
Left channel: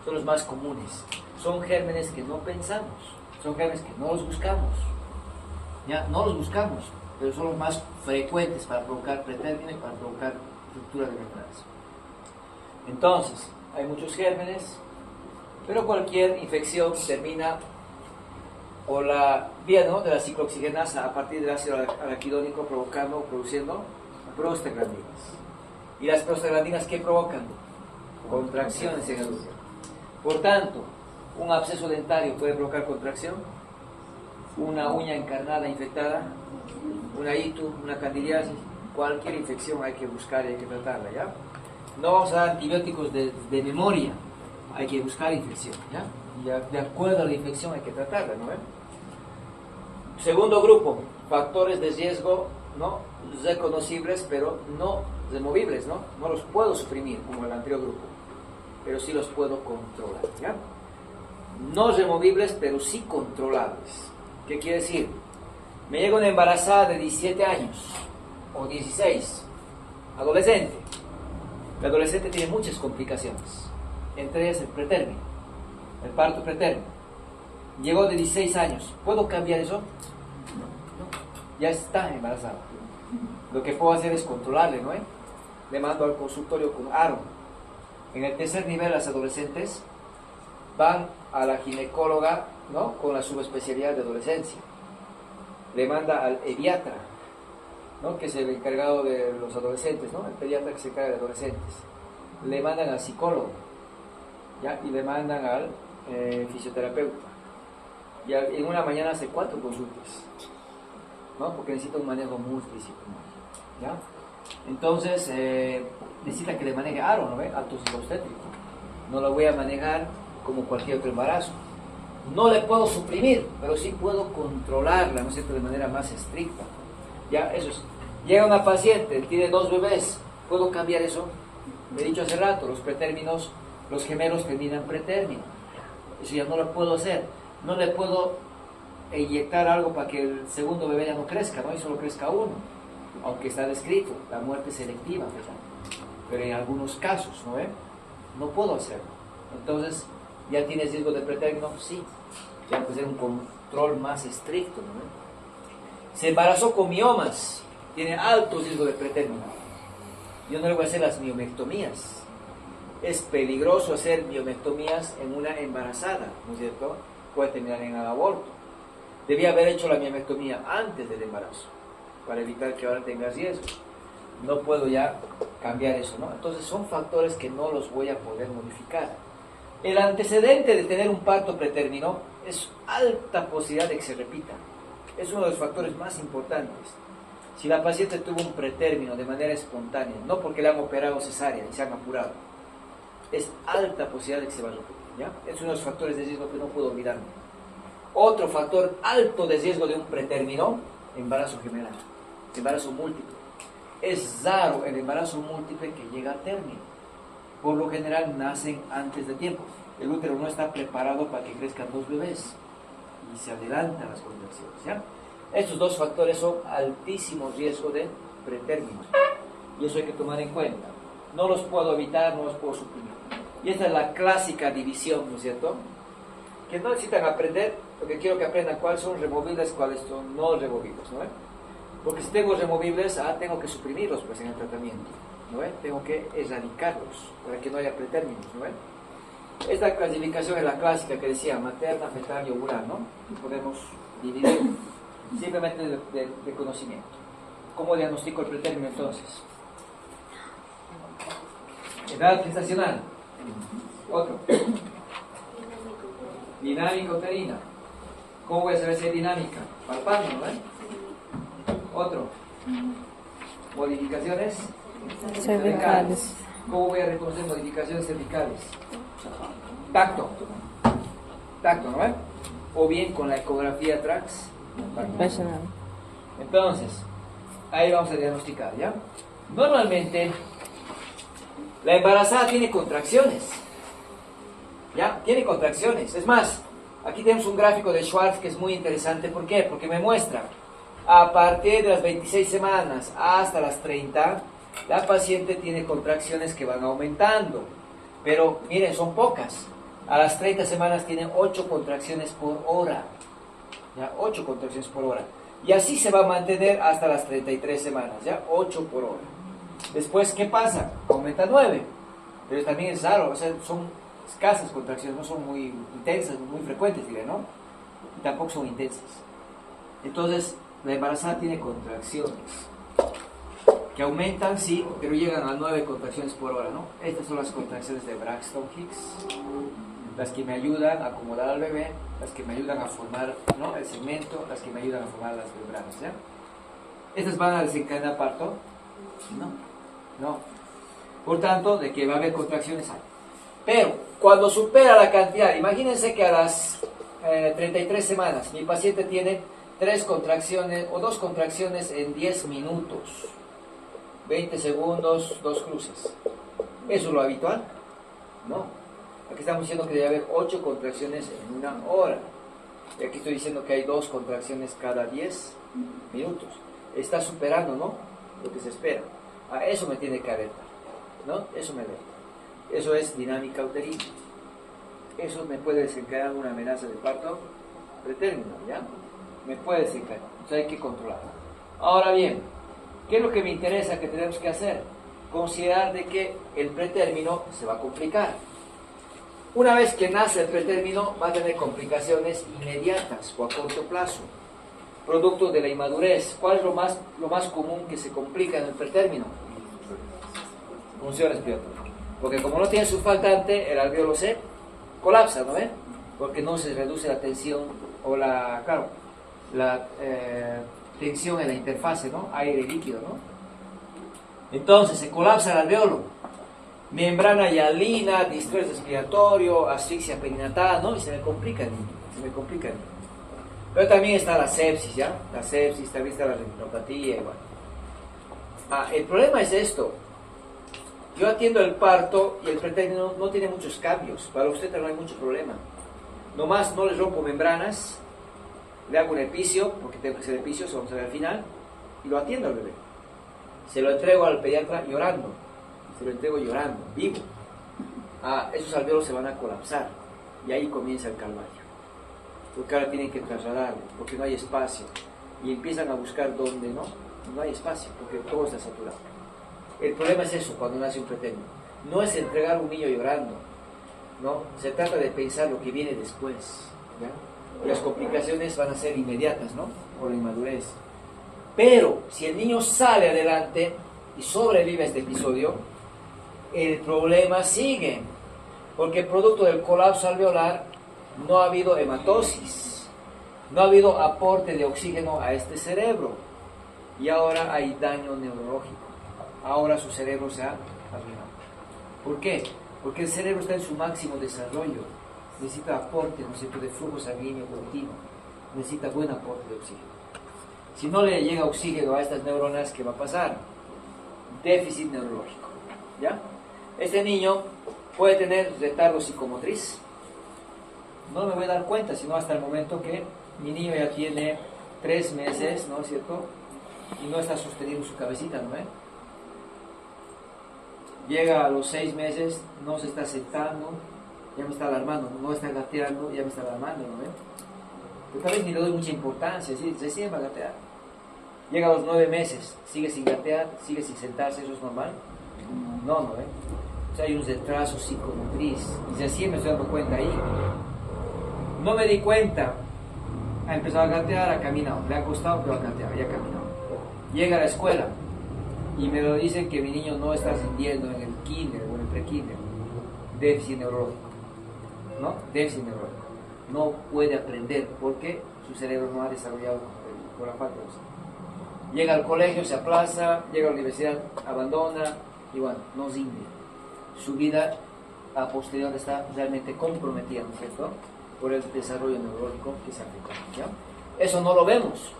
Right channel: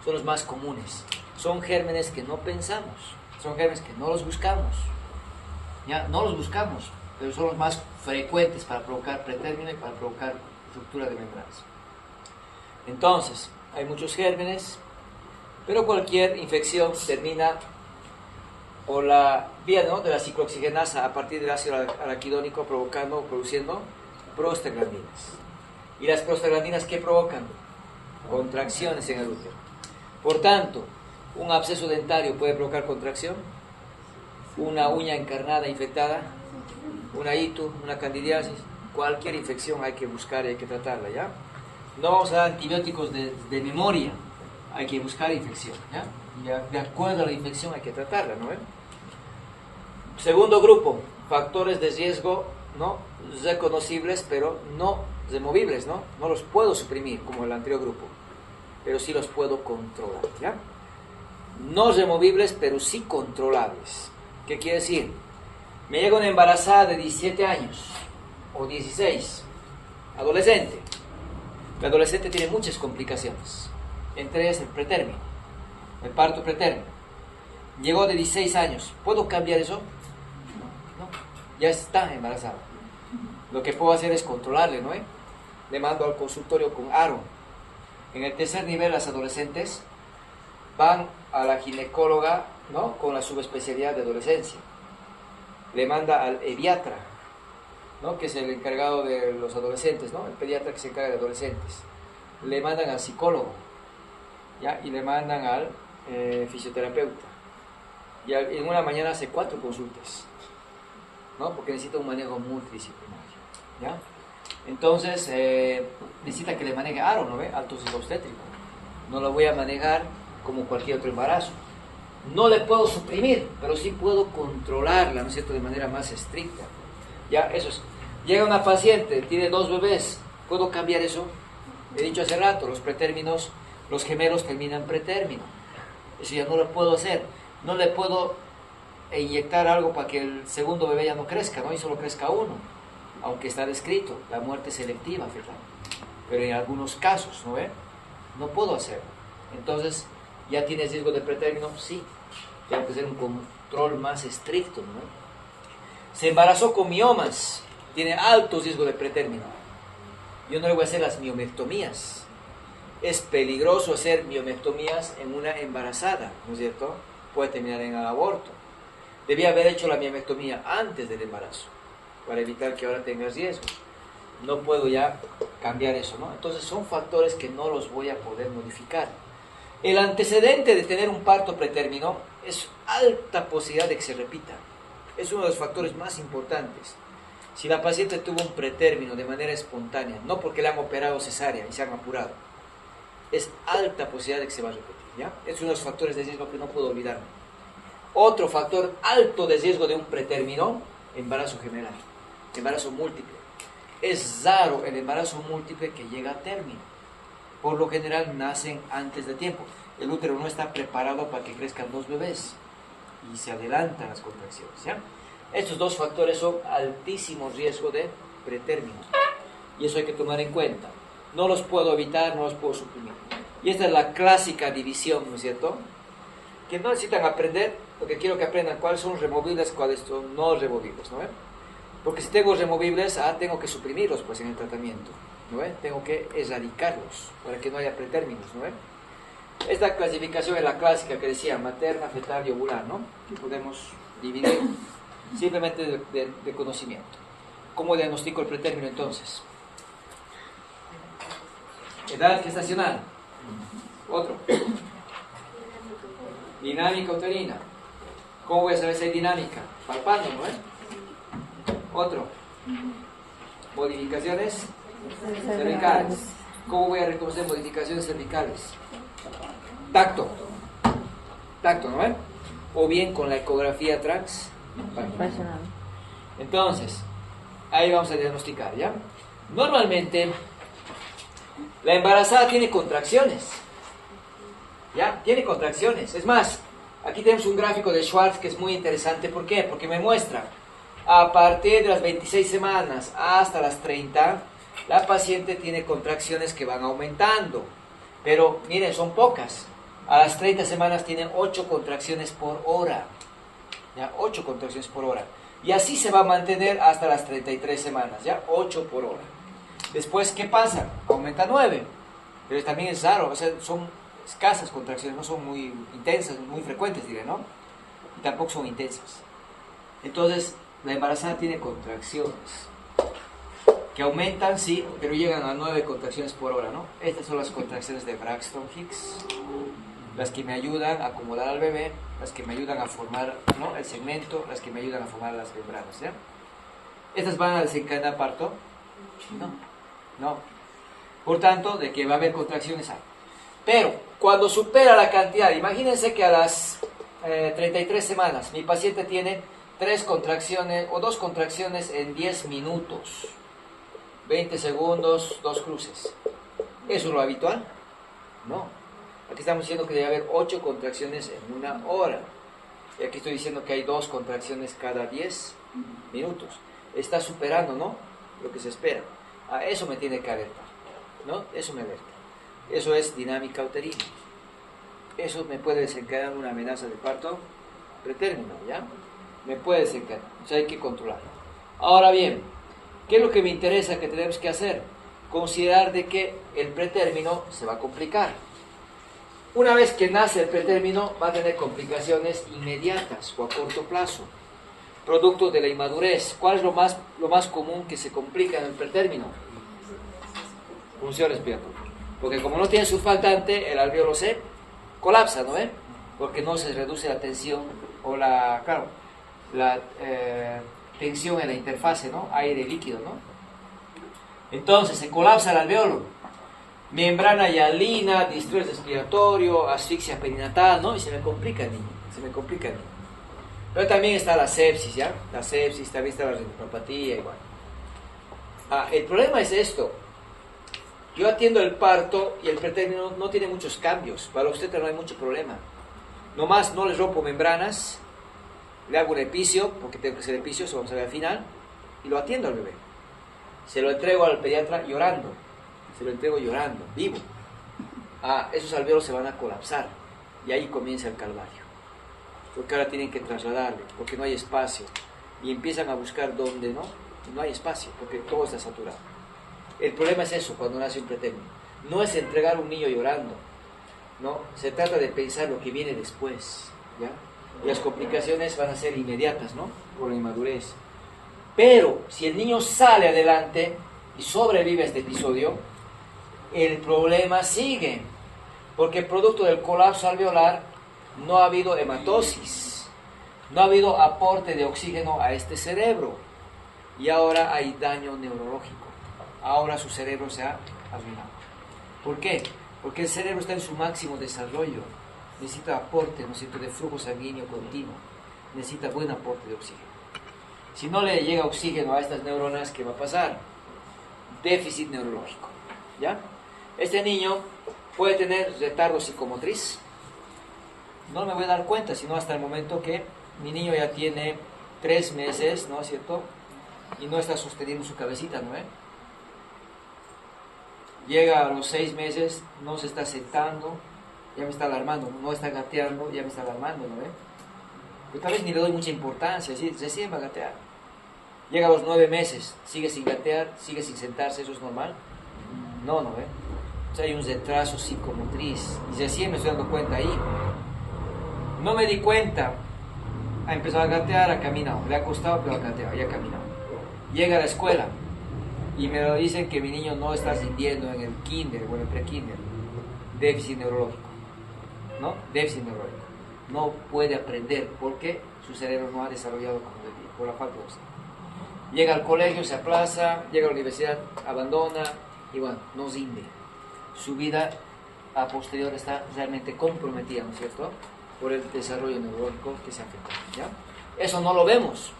son los más comunes. Son gérmenes que no pensamos, son gérmenes que no los buscamos, ya, no los buscamos, pero son los más frecuentes para provocar pretérmino y para provocar ruptura de membranas. Entonces, hay muchos gérmenes, pero cualquier infección termina por la vía, ¿no?, de la ciclooxigenasa a partir del ácido araquidónico produciendo prostaglandinas. ¿Y las prostaglandinas qué provocan? Contracciones en el útero. Por tanto, un absceso dentario puede provocar contracción, una uña encarnada infectada, una ITU, una candidiasis, cualquier infección hay que buscar y hay que tratarla, ¿ya? No vamos a dar antibióticos de memoria, hay que buscar infección, ¿ya? De acuerdo a la infección hay que tratarla, ¿no? Segundo grupo, factores de riesgo, ¿no?, reconocibles, pero no removibles, ¿no? No los puedo suprimir como el anterior grupo, pero sí los puedo controlar, ¿ya? No removibles, pero sí controlables. ¿Qué quiere decir? Me llega una embarazada de 17 años o 16, adolescente. El adolescente tiene muchas complicaciones, entre ellas el pretérmino, el parto pretérmino. Llegó de 16 años, ¿puedo cambiar eso? No, ya está embarazada. Lo que puedo hacer es controlarle, ¿no? Le mando al consultorio con aro. En el tercer nivel, las adolescentes van a la ginecóloga, ¿no?, con la subespecialidad de adolescencia. Le manda al pediatra, ¿no?, que es el encargado de los adolescentes, ¿no?, el pediatra que se encarga de adolescentes. Le mandan al psicólogo, ¿ya?, y le mandan al fisioterapeuta. Y en una mañana hace 4 consultas, ¿no?, porque necesita un manejo multidisciplinario, ¿ya? Entonces, necesita que le maneje aro, ¿no ve? Alto ciclo obstétrico. No lo voy a manejar como cualquier otro embarazo. No le puedo suprimir, pero sí puedo controlarla, ¿no es cierto?, de manera más estricta. Ya, eso es. Llega una paciente, tiene 2 bebés, ¿puedo cambiar eso? He dicho hace rato, los pretérminos, los gemelos terminan pretérmino. Eso ya no lo puedo hacer. No le puedo inyectar algo para que el segundo bebé ya no crezca, ¿no?, y solo crezca uno. Aunque está descrito, la muerte selectiva, pero en algunos casos, ¿no ve? No puedo hacerlo. Entonces, ¿ya tienes riesgo de pretérmino? Sí. Tengo que hacer un control más estricto, ¿no ve? Se embarazó con miomas, tiene alto riesgo de pretérmino. Yo no le voy a hacer las miomectomías. es peligroso hacer miomectomías en una embarazada, ¿no es cierto? Puede terminar en aborto. Debía haber hecho la miomectomía antes del embarazo, para evitar que ahora tengas riesgos. No puedo ya cambiar eso, ¿no? Entonces son factores que no los voy a poder modificar. El antecedente de tener un parto pretérmino es alta posibilidad de que se repita. Es uno de los factores más importantes. Si la paciente tuvo un pretérmino de manera espontánea, no porque le han operado cesárea y se han apurado, es alta posibilidad de que se va a repetir, ¿ya? Es uno de los factores de riesgo que no puedo olvidarme. Otro factor alto de riesgo de un pretérmino, embarazo general, embarazo múltiple. Es raro el embarazo múltiple que llega a término. Por lo general nacen antes de tiempo. El útero no está preparado para que crezcan dos bebés y se adelantan las contracciones, ¿ya? Estos dos factores son altísimo riesgo de pretérmino y eso hay que tomar en cuenta. No los puedo evitar, no los puedo suprimir. Y esta es la clásica división, ¿no es cierto? Que no necesitan aprender, porque quiero que aprendan cuáles son removibles, cuáles son no removibles, ¿no? Porque si tengo removibles, tengo que suprimirlos pues en el tratamiento, ¿no? Tengo que erradicarlos para que no haya pretérminos, ¿no? Esta clasificación es la clásica que decía materna, fetal y ovular, ¿no? Que podemos dividir simplemente de conocimiento. ¿Cómo diagnostico el pretérmino entonces? Edad gestacional. Otro. Dinámica uterina. ¿Cómo voy a saber si hay dinámica? Palpando, ¿no? Otro. Modificaciones cervicales. ¿Cómo voy a reconocer modificaciones cervicales? Tacto. Tacto, ¿no? O bien con la ecografía transvaginal. Entonces, ahí vamos a diagnosticar, ¿ya? Normalmente, la embarazada tiene contracciones. ¿Ya? Tiene contracciones. Es más, aquí tenemos un gráfico de Schwartz que es muy interesante. ¿Por qué? Porque me muestra, a partir de las 26 semanas hasta las 30, la paciente tiene contracciones que van aumentando. Pero, miren, son pocas. A las 30 semanas tiene 8 contracciones por hora. ¿Ya? 8 contracciones por hora. Y así se va a mantener hasta las 33 semanas. ¿Ya? 8 por hora. Después, ¿qué pasa? Aumenta 9. Pero también es raro. O sea, son escasas contracciones. No son muy intensas, muy frecuentes, diré, ¿no? Y tampoco son intensas. Entonces, la embarazada tiene contracciones que aumentan, sí, pero llegan a 9 contracciones por hora, ¿no? Estas son las contracciones de Braxton Hicks, las que me ayudan a acomodar al bebé, las que me ayudan a formar, ¿no?, el segmento, las que me ayudan a formar las membranas, ¿ya? ¿Estas van a desencadenar parto? No. Por tanto, de que va a haber contracciones hay. Pero, cuando supera la cantidad, imagínense que a las 33 semanas mi paciente tiene 3 contracciones o 2 contracciones en 10 minutos. 20 segundos, 2 cruces. ¿Eso es lo habitual? No. Aquí estamos diciendo que debe haber 8 contracciones en una hora. Y aquí estoy diciendo que hay 2 contracciones cada 10 minutos. Está superando, ¿no?, lo que se espera. Eso me tiene que alertar, ¿no? Eso me alerta. Eso es dinámica uterina. Eso me puede desencadenar una amenaza de parto pretérmino, ¿ya? Me puede desencadenar. O sea, hay que controlarlo. Ahora bien, ¿qué es lo que me interesa que tenemos que hacer? Considerar de que el pretérmino se va a complicar. Una vez que nace el pretérmino, va a tener complicaciones inmediatas o a corto plazo, producto de la inmadurez. ¿Cuál es lo más común que se complica en el pretérmino? Función respiratoria. Porque como no tiene surfactante, el alvéolo se colapsa, ¿no? Porque no se reduce la tensión o la tensión en la interfase, ¿no?, aire-líquido, ¿no? Entonces se colapsa el alvéolo, membrana hialina, distrés respiratorio, asfixia perinatal, ¿no? Y se me complica el niño, Pero también está la sepsis, ¿ya? La sepsis, también está la retinopatía, igual. El problema es esto. Yo atiendo el parto y el pretérmino no tiene muchos cambios. Para usted no hay mucho problema. Nomás no les rompo membranas, le hago un epicio, porque tengo que hacer epicio, eso vamos a ver al final, y lo atiendo al bebé. Se lo entrego al pediatra llorando, vivo. Esos alvéolos se van a colapsar, y ahí comienza el calvario. Porque ahora tienen que trasladarlo, porque no hay espacio, y empiezan a buscar dónde no hay espacio, porque todo está saturado. El problema es eso, cuando nace un pretérmino. no es entregar a un niño llorando, no, se trata de pensar lo que viene después, ¿ya? Y las complicaciones van a ser inmediatas, ¿no? Por la inmadurez. Pero si el niño sale adelante y sobrevive a este episodio, el problema sigue, porque producto del colapso alveolar no ha habido hematosis, no ha habido aporte de oxígeno a este cerebro y ahora hay daño neurológico. Ahora su cerebro se ha arruinado. ¿Por qué? Porque el cerebro está en su máximo desarrollo, necesita aporte, ¿no es cierto?, de flujo sanguíneo continuo, necesita buen aporte de oxígeno. Si no le llega oxígeno a estas neuronas, ¿qué va a pasar? Déficit neurológico, ¿ya? Este niño puede tener retardo psicomotriz. No me voy a dar cuenta, sino hasta el momento que mi niño ya tiene 3 meses, ¿no es cierto?, y no está sosteniendo su cabecita, ¿no? Llega a los 6 meses, no se está sentando, ya me está alarmando, no está gateando, ya me está alarmando, ¿no? Pero tal vez ni le doy mucha importancia, ¿sí? Recién va a gatear. Llega a los 9 meses, sigue sin gatear, sigue sin sentarse, ¿eso es normal? No, ¿no? O sea, hay un retraso psicomotriz, y recién me estoy dando cuenta ahí. No me di cuenta, ha empezado a gatear, ha caminado, le ha costado, pero ha gateado, ya ha caminado. Llega a la escuela, y me lo dicen que mi niño no está rindiendo en el kinder o en el pre-kinder. Déficit neurológico, ¿no? Déficit neurológico. No puede aprender porque su cerebro no ha desarrollado por la falta de oxígeno. Llega al colegio, se aplaza, llega a la universidad, abandona y bueno, no rinde. Su vida a posterior está realmente comprometida, ¿no es cierto?, por el desarrollo neurológico que se afecta, ¿ya? Eso no lo vemos.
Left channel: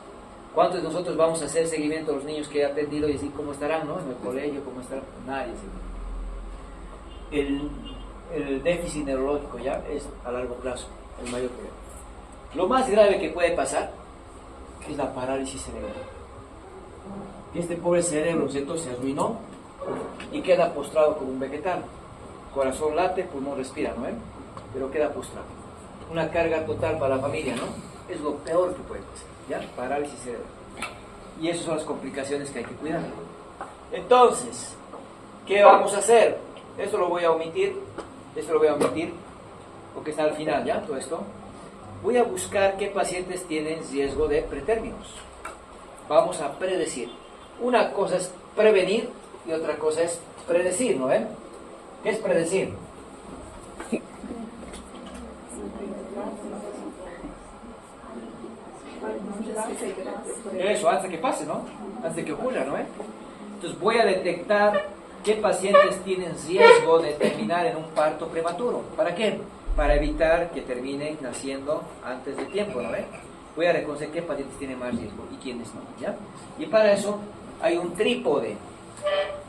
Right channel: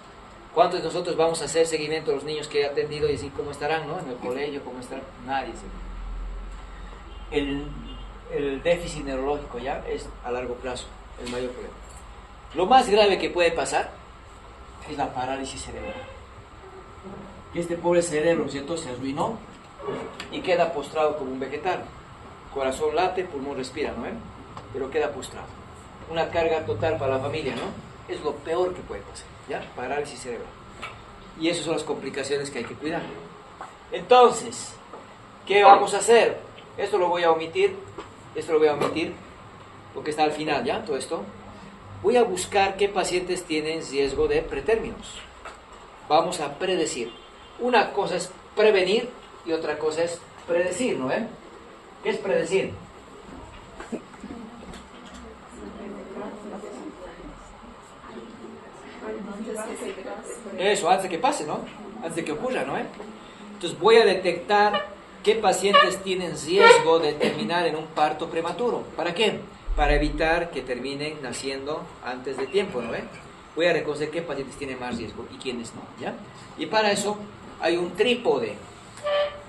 ¿Cuántos de nosotros vamos a hacer seguimiento a los niños que he atendido y decir cómo estarán, ¿no?, en el colegio, cómo estarán? Nadie. El déficit neurológico ya es a largo plazo el mayor problema. Lo más grave que puede pasar es la parálisis cerebral. Que este pobre cerebro, ¿cierto?, se arruinó y queda postrado como un vegetal. Corazón late, pulmón respira, ¿no? Pero queda postrado. Una carga total para la familia, ¿no? Es lo peor que puede pasar, ¿ya? Parálisis cerebral. Y esas son las complicaciones que hay que cuidar. Entonces, ¿qué vamos a hacer? Esto lo voy a omitir, porque está al final, ¿ya? Todo esto. Voy a buscar qué pacientes tienen riesgo de pretérminos. Vamos a predecir. Una cosa es prevenir y otra cosa es predecir, ¿no ven? ¿Qué es predecir? Eso, antes de que pase, ¿no? Antes de que ocurra, ¿no? Entonces voy a detectar qué pacientes tienen riesgo de terminar en un parto prematuro. ¿Para qué? Para evitar que terminen naciendo antes de tiempo, ¿no? Voy a reconocer qué pacientes tienen más riesgo y quiénes no, ¿ya? Y para eso hay un trípode:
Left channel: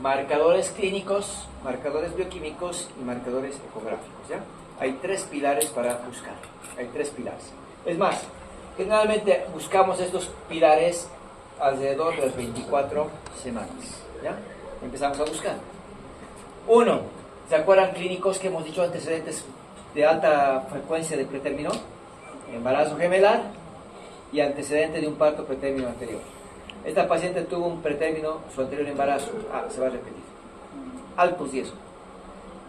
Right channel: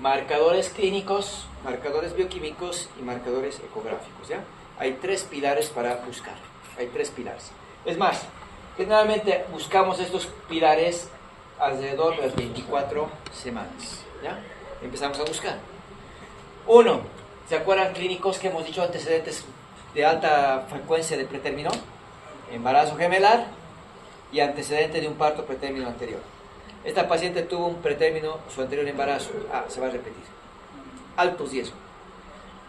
marcadores clínicos, marcadores bioquímicos y marcadores ecográficos, ¿ya? Hay 3 pilares para buscar, hay 3 pilares. Es más, generalmente buscamos estos pilares alrededor de las 24 semanas, ¿ya? Empezamos a buscar. 1, ¿se acuerdan clínicos que hemos dicho? Antecedentes de alta frecuencia de pretérmino, embarazo gemelar y antecedentes de un parto pretérmino anterior. Esta paciente tuvo un pretérmino, su anterior embarazo, se va a repetir. Alto riesgo.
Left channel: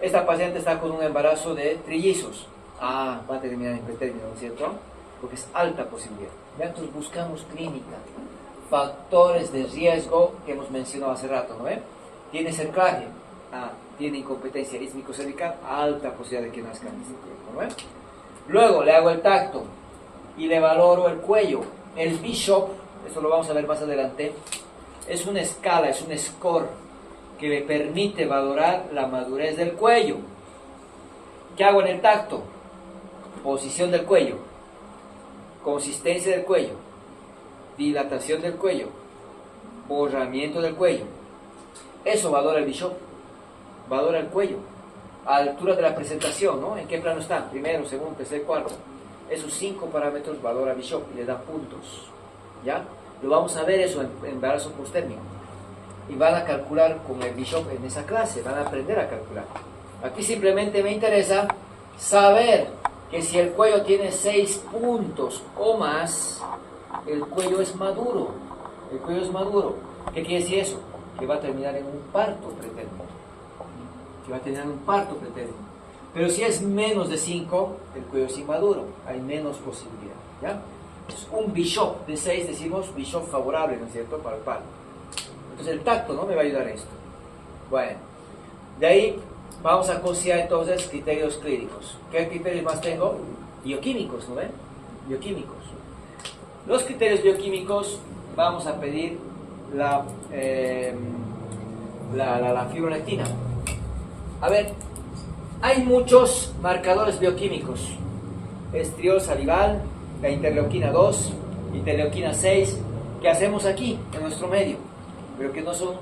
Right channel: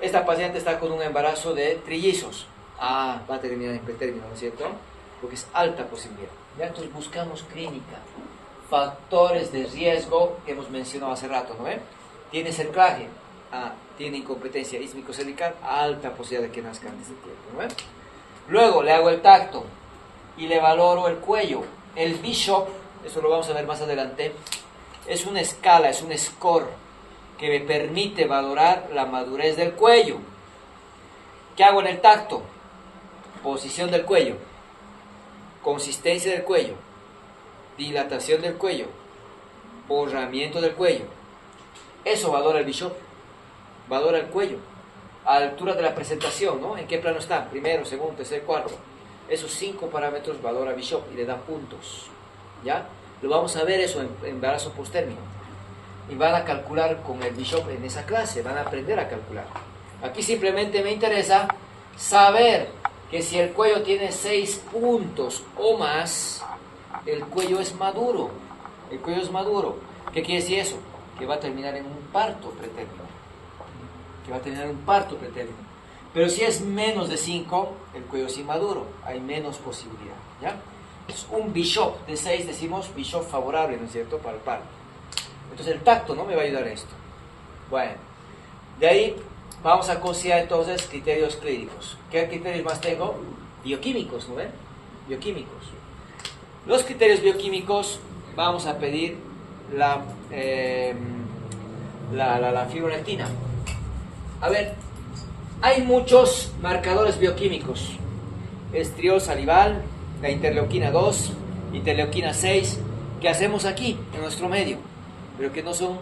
Esta paciente está con un embarazo de trillizos, va a terminar en pretérmino, ¿no es cierto? Porque es alta posibilidad. Entonces buscamos clínica, factores de riesgo que hemos mencionado hace rato, ¿no? Tiene cerclaje, tiene incompetencia ísmico-cervical, alta posibilidad de que nazca antes de tiempo, ¿no? Luego le hago el tacto y le valoro el cuello. El Bishop, eso lo vamos a ver más adelante, es una escala, es un score que me permite valorar la madurez del cuello. ¿Qué hago en el tacto? Posición del cuello, consistencia del cuello, dilatación del cuello, borramiento del cuello. Eso valora el Bishop, valora el cuello, a la altura de la presentación, ¿no? ¿En qué plano está? Primero, segundo, tercer, cuarto. Esos 5 parámetros valora Bishop y le da puntos, ¿ya? Lo vamos a ver eso en embarazo posttérmino. Y van a calcular con el Bishop en esa clase, van a aprender a calcular. Aquí simplemente me interesa saber que si el cuello tiene 6 puntos o más, el cuello es maduro. El cuello es maduro. ¿Qué quiere decir eso? Que va a terminar en un parto pretérmino. que va a tener un parto pretérmino. Pero si es menos de 5, el cuello es inmaduro, hay menos posibilidad, ¿ya? Entonces, un bishop de 6 decimos bishop favorable, ¿no es cierto?, para el parto. Entonces el tacto, ¿no?, me va a ayudar a esto. Bueno, de ahí vamos a considerar entonces criterios clínicos. ¿Qué criterios más tengo? Bioquímicos, ¿no ven? Bioquímicos. Los criterios bioquímicos, vamos a pedir la fibronectina. A ver, hay muchos marcadores bioquímicos. Estriol salival, la interleuquina 2, interleuquina 6, que hacemos aquí, en nuestro medio, pero que no son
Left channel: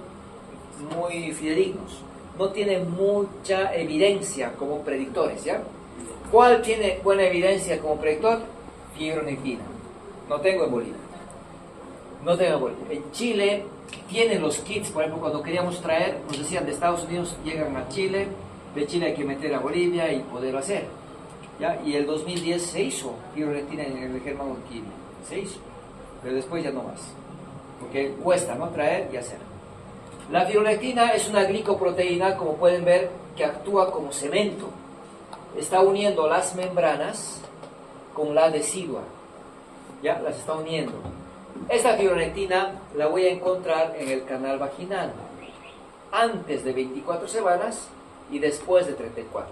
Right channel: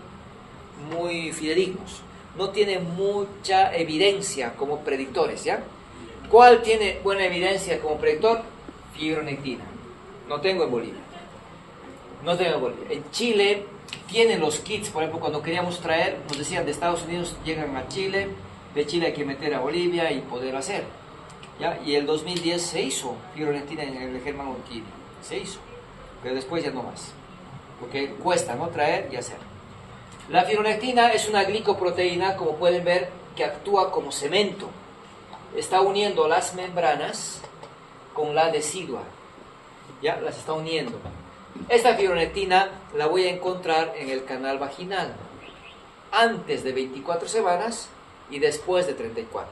muy fidedignos. No tienen mucha evidencia como predictores, ¿ya? ¿Cuál tiene buena evidencia como predictor? Fibronectina. No tengo en Bolivia. No tengo en Bolivia. En Chile tienen los kits, por ejemplo, cuando queríamos traer, nos decían de Estados Unidos llegan a Chile, de Chile hay que meter a Bolivia y poderlo hacer, ¿ya? Y el 2010 se hizo fibronectina en el Germán Orquídea, se hizo, pero después ya no más, porque cuesta, ¿no?, traer y hacer. La fibronectina es una glicoproteína, como pueden ver, que actúa como cemento, está uniendo las membranas con la decidua, ¿ya? Las está uniendo. Esta fibronectina la voy a encontrar en el canal vaginal antes de 24 semanas y después de 34,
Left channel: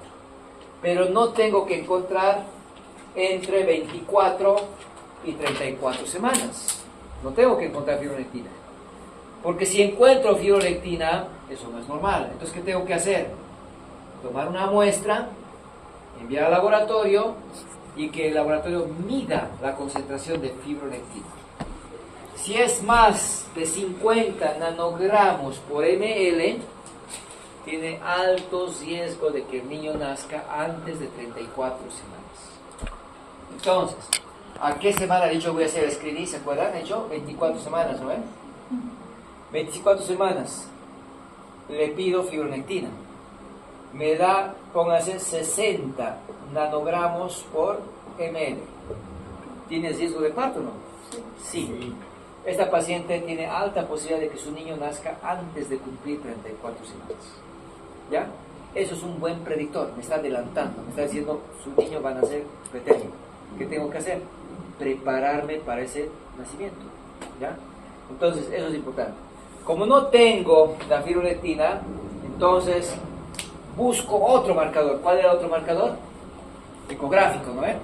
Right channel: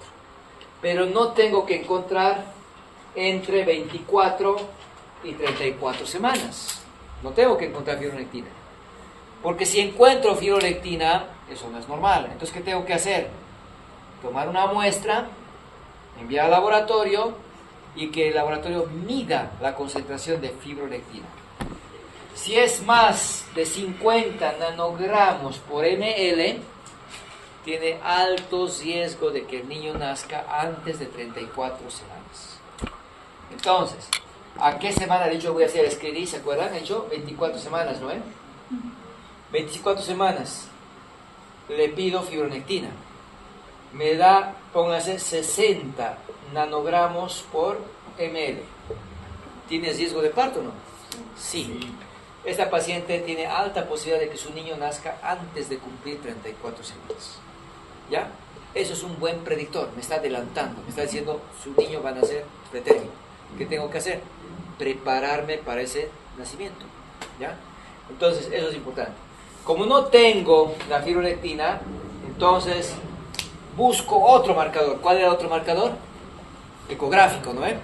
pero no tengo que encontrar entre 24 y 34 semanas. No tengo que encontrar fibronectina, porque si encuentro fibronectina, eso no es normal. Entonces, ¿qué tengo que hacer? Tomar una muestra, enviar al laboratorio y que el laboratorio mida la concentración de fibronectina. Si es más de 50 nanogramos por ml, tiene alto riesgo de que el niño nazca antes de 34 semanas. Entonces, ¿a qué semana dicho voy a hacer screening? ¿Se acuerdan? He hecho 24 semanas, ¿no? 24 semanas le pido fibronectina. Me da, póngase, 60 nanogramos por ml. ¿Tiene riesgo de parto o no? Sí. Esta paciente tiene alta posibilidad de que su niño nazca antes de cumplir 34 semanas. ¿Ya? Eso es un buen predictor, me está adelantando, me está diciendo su niño va a nacer pretérmino. ¿Qué tengo que hacer? Prepararme para ese nacimiento. ¿Ya? Entonces, eso es importante. Como no tengo la fibronectina, entonces busco otro marcador. ¿Cuál era otro marcador? Ecográfico, ¿no es?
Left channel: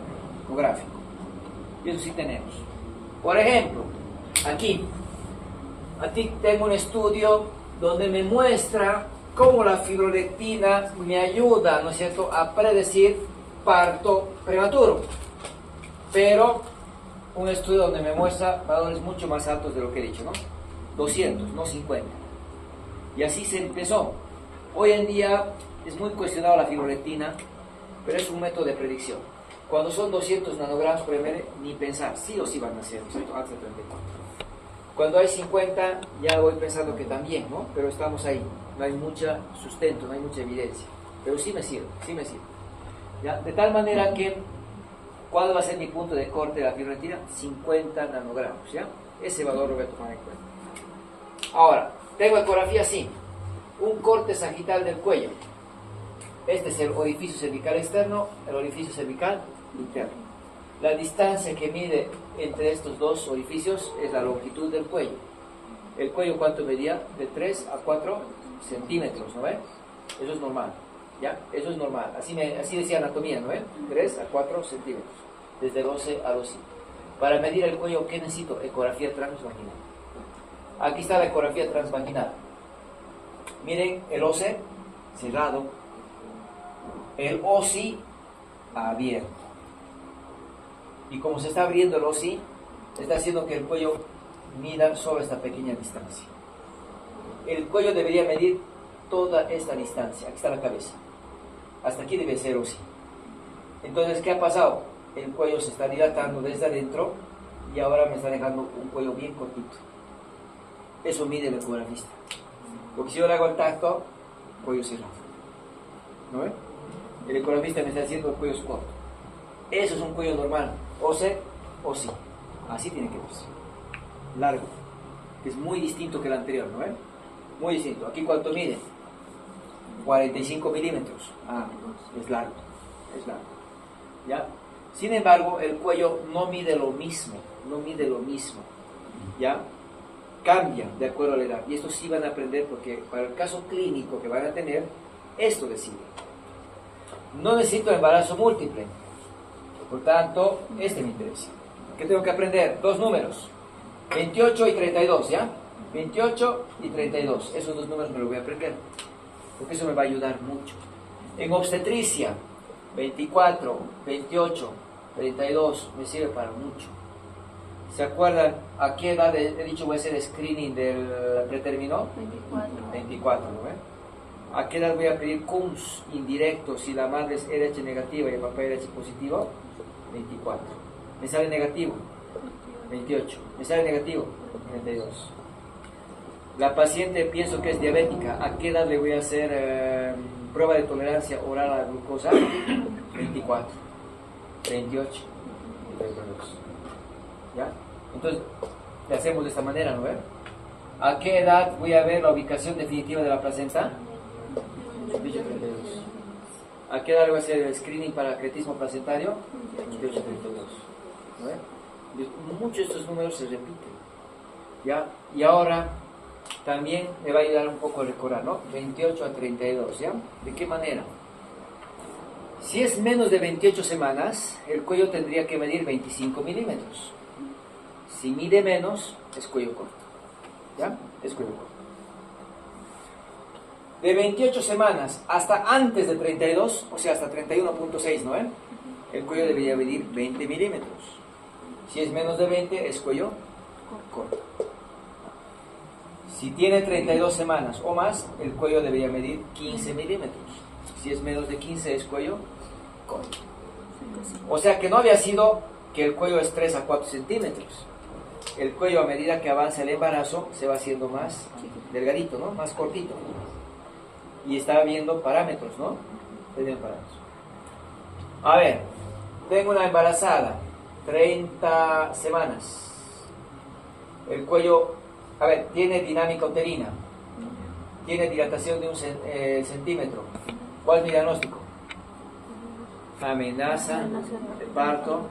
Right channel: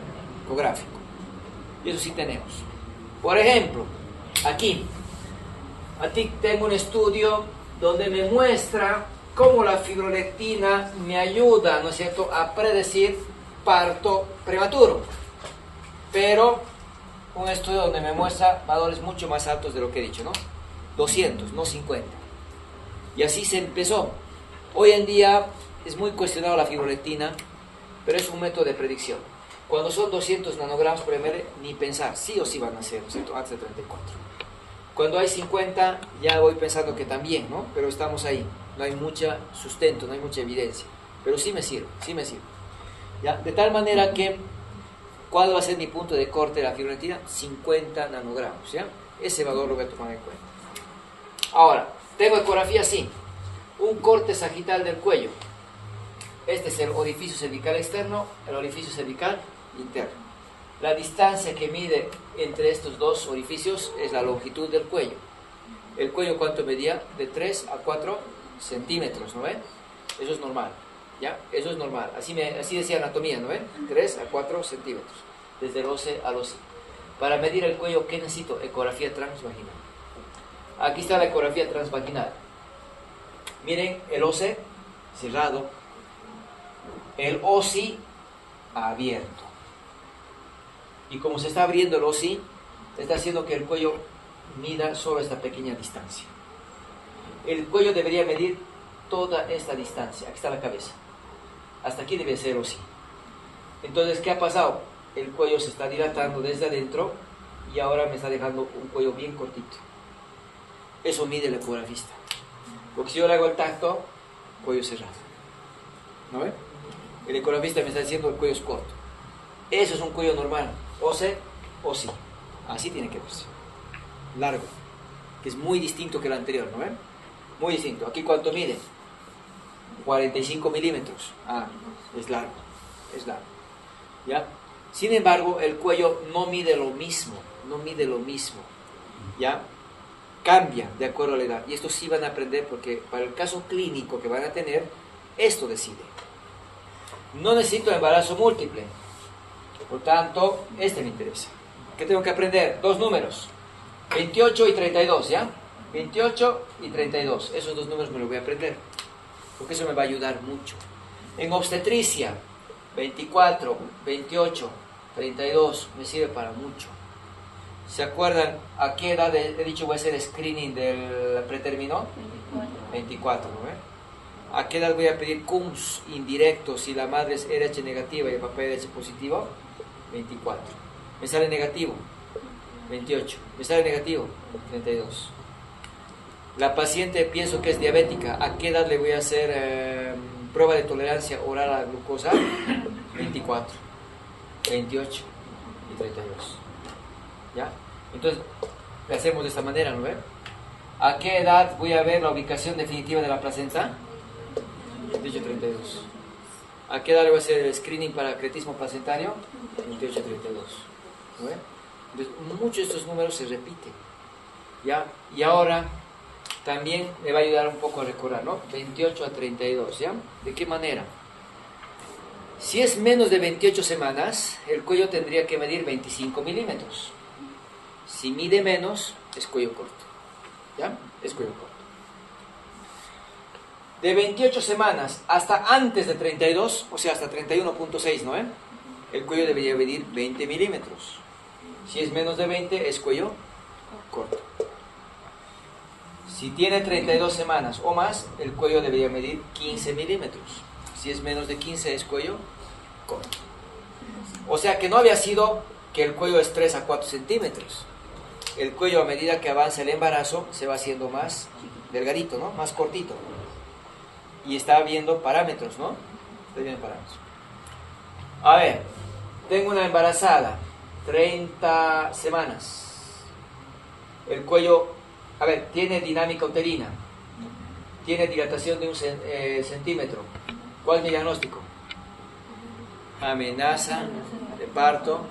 Ecográfico. Y eso sí tenemos. Por ejemplo, aquí tengo un estudio donde me muestra cómo la fibronectina me ayuda, ¿no es cierto?, a predecir parto prematuro. Pero un estudio donde me muestra valores mucho más altos de lo que he dicho, ¿no? 200, no 50. Y así se empezó. Hoy en día es muy cuestionado la fibronectina, pero es un método de predicción. Cuando son 200 nanogramos por ml, ni pensar, sí o sí van a ser, ¿no es cierto?, antes de 34. Cuando hay 50, ya voy pensando que también, ¿no? Pero estamos ahí, no hay mucho sustento, no hay mucha evidencia. Pero sí me sirve, sí me sirve. ¿Ya? De tal manera que, ¿cuál va a ser mi punto de corte de la fibronectina? 50 nanogramos, ¿ya? Ese valor lo voy a tomar en cuenta. Ahora, tengo ecografía, sí. Un corte sagital del cuello. Este es el orificio cervical externo, el orificio cervical interno. La distancia que mide entre estos dos orificios es la longitud del cuello. El cuello, ¿cuánto medía? De 3 a 4 centímetros, ¿no ve? Eso es normal, ¿ya? Eso es normal. Así decía anatomía, ¿no ve? 3 a 4 centímetros, desde el OC al OSI. Para medir el cuello, ¿qué necesito? Ecografía transvaginal. Aquí está la ecografía transvaginal. Miren el OC cerrado, el OSI abierto. Y como se está abriendo el OSI, está haciendo que el cuello mida solo esta pequeña distancia. El cuello debería medir toda esta distancia. Aquí está la cabeza. Hasta aquí debe ser OSI. Entonces, ¿qué ha pasado? El cuello se está dilatando desde adentro y ahora me está dejando un cuello bien cortito. Eso mide el ecografista. Porque si yo le hago el tacto, cuello cerrado. ¿No ve? El ecografista me está diciendo el cuello es corto. Eso es un cuello normal. OC, OSI. Así tiene que verse. Largo. Que es muy distinto que el anterior, ¿no ve? Muy distinto. Aquí, ¿cuánto mide? 45 milímetros. Ah, es largo, es largo. ¿Ya? Sin embargo, el cuello no mide lo mismo, no mide lo mismo. ¿Ya? Cambia de acuerdo a la edad. Y esto sí van a aprender porque para el caso clínico que van a tener, esto decide. No necesito embarazo múltiple. Por tanto, este me interesa. ¿Qué tengo que aprender? Dos números. 28 y 32, ¿ya? 28 y 32. Esos dos números me los voy a aprender. Porque eso me va a ayudar mucho. En obstetricia, 24, 28, 32 me sirve para mucho. ¿Se acuerdan a qué edad he dicho voy a hacer screening del pretérmino? 24, ¿no ve? ¿A qué edad voy a pedir CUMS indirecto si la madre es RH negativa y el papá es RH positivo? 24. ¿Me sale negativo? 28. ¿Me sale negativo? 32. La paciente pienso que es diabética. ¿A qué edad le voy a hacer prueba de tolerancia oral a la glucosa? 24, 28 y 32. ¿Ya? Entonces, lo hacemos de esta manera, ¿no ve? ¿A qué edad voy a ver la ubicación definitiva de la placenta? 28, 32. ¿A qué edad le voy a hacer el screening para cretismo placentario? 28, 32. ¿No ve? Entonces, muchos de estos números se repiten. ¿Ya? Y ahora también me va a ayudar un poco a recordar, ¿no? 28 a 32, ¿ya? ¿De qué manera? Si es menos de 28 semanas, el cuello tendría que medir 25 milímetros. Si mide menos, es cuello corto. ¿Ya? Es cuello corto. De 28 semanas hasta antes de 32, o sea, hasta 31.6, ¿no? El cuello debería medir 20 milímetros. Si es menos de 20, es cuello corto. Si tiene 32 semanas o más, el cuello debería medir 15 milímetros. Si es menos de 15, es cuello corto. O sea que no había sido que el cuello es 3 a 4 centímetros. El cuello, a medida que avanza el embarazo, se va haciendo más delgadito, ¿no? Más cortito. Y está viendo parámetros, ¿no? Está viendo parámetros. A ver, tengo una embarazada, 30 semanas. El cuello, a ver, tiene dinámica uterina, tiene dilatación de 1 centímetro. ¿Cuál es mi diagnóstico? Amenaza de parto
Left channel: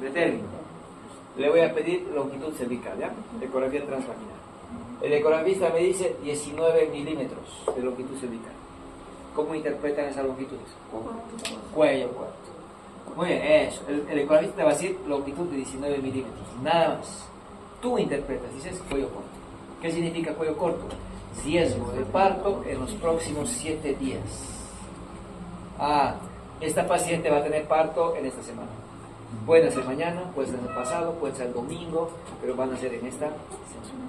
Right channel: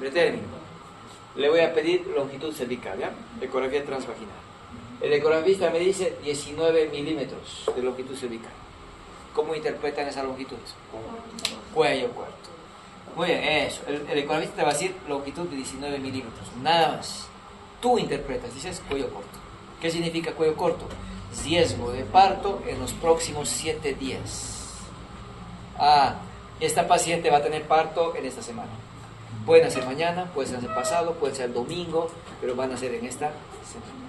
pretérmino. Le voy a pedir longitud cervical, ¿ya? Ecografía transvaginal. El ecografista me dice 19 milímetros de longitud cervical. ¿Cómo interpretan esa longitud? Cuello corto. Muy bien, eso. El ecografista te va a decir longitud de 19 milímetros, nada más. Tú interpretas, dices cuello corto. ¿Qué significa cuello corto? Riesgo de parto en los próximos 7 días. Ah, esta paciente va a tener parto en esta semana. Puede ser mañana, puede ser pasado, puede ser domingo, pero van a ser en esta semana.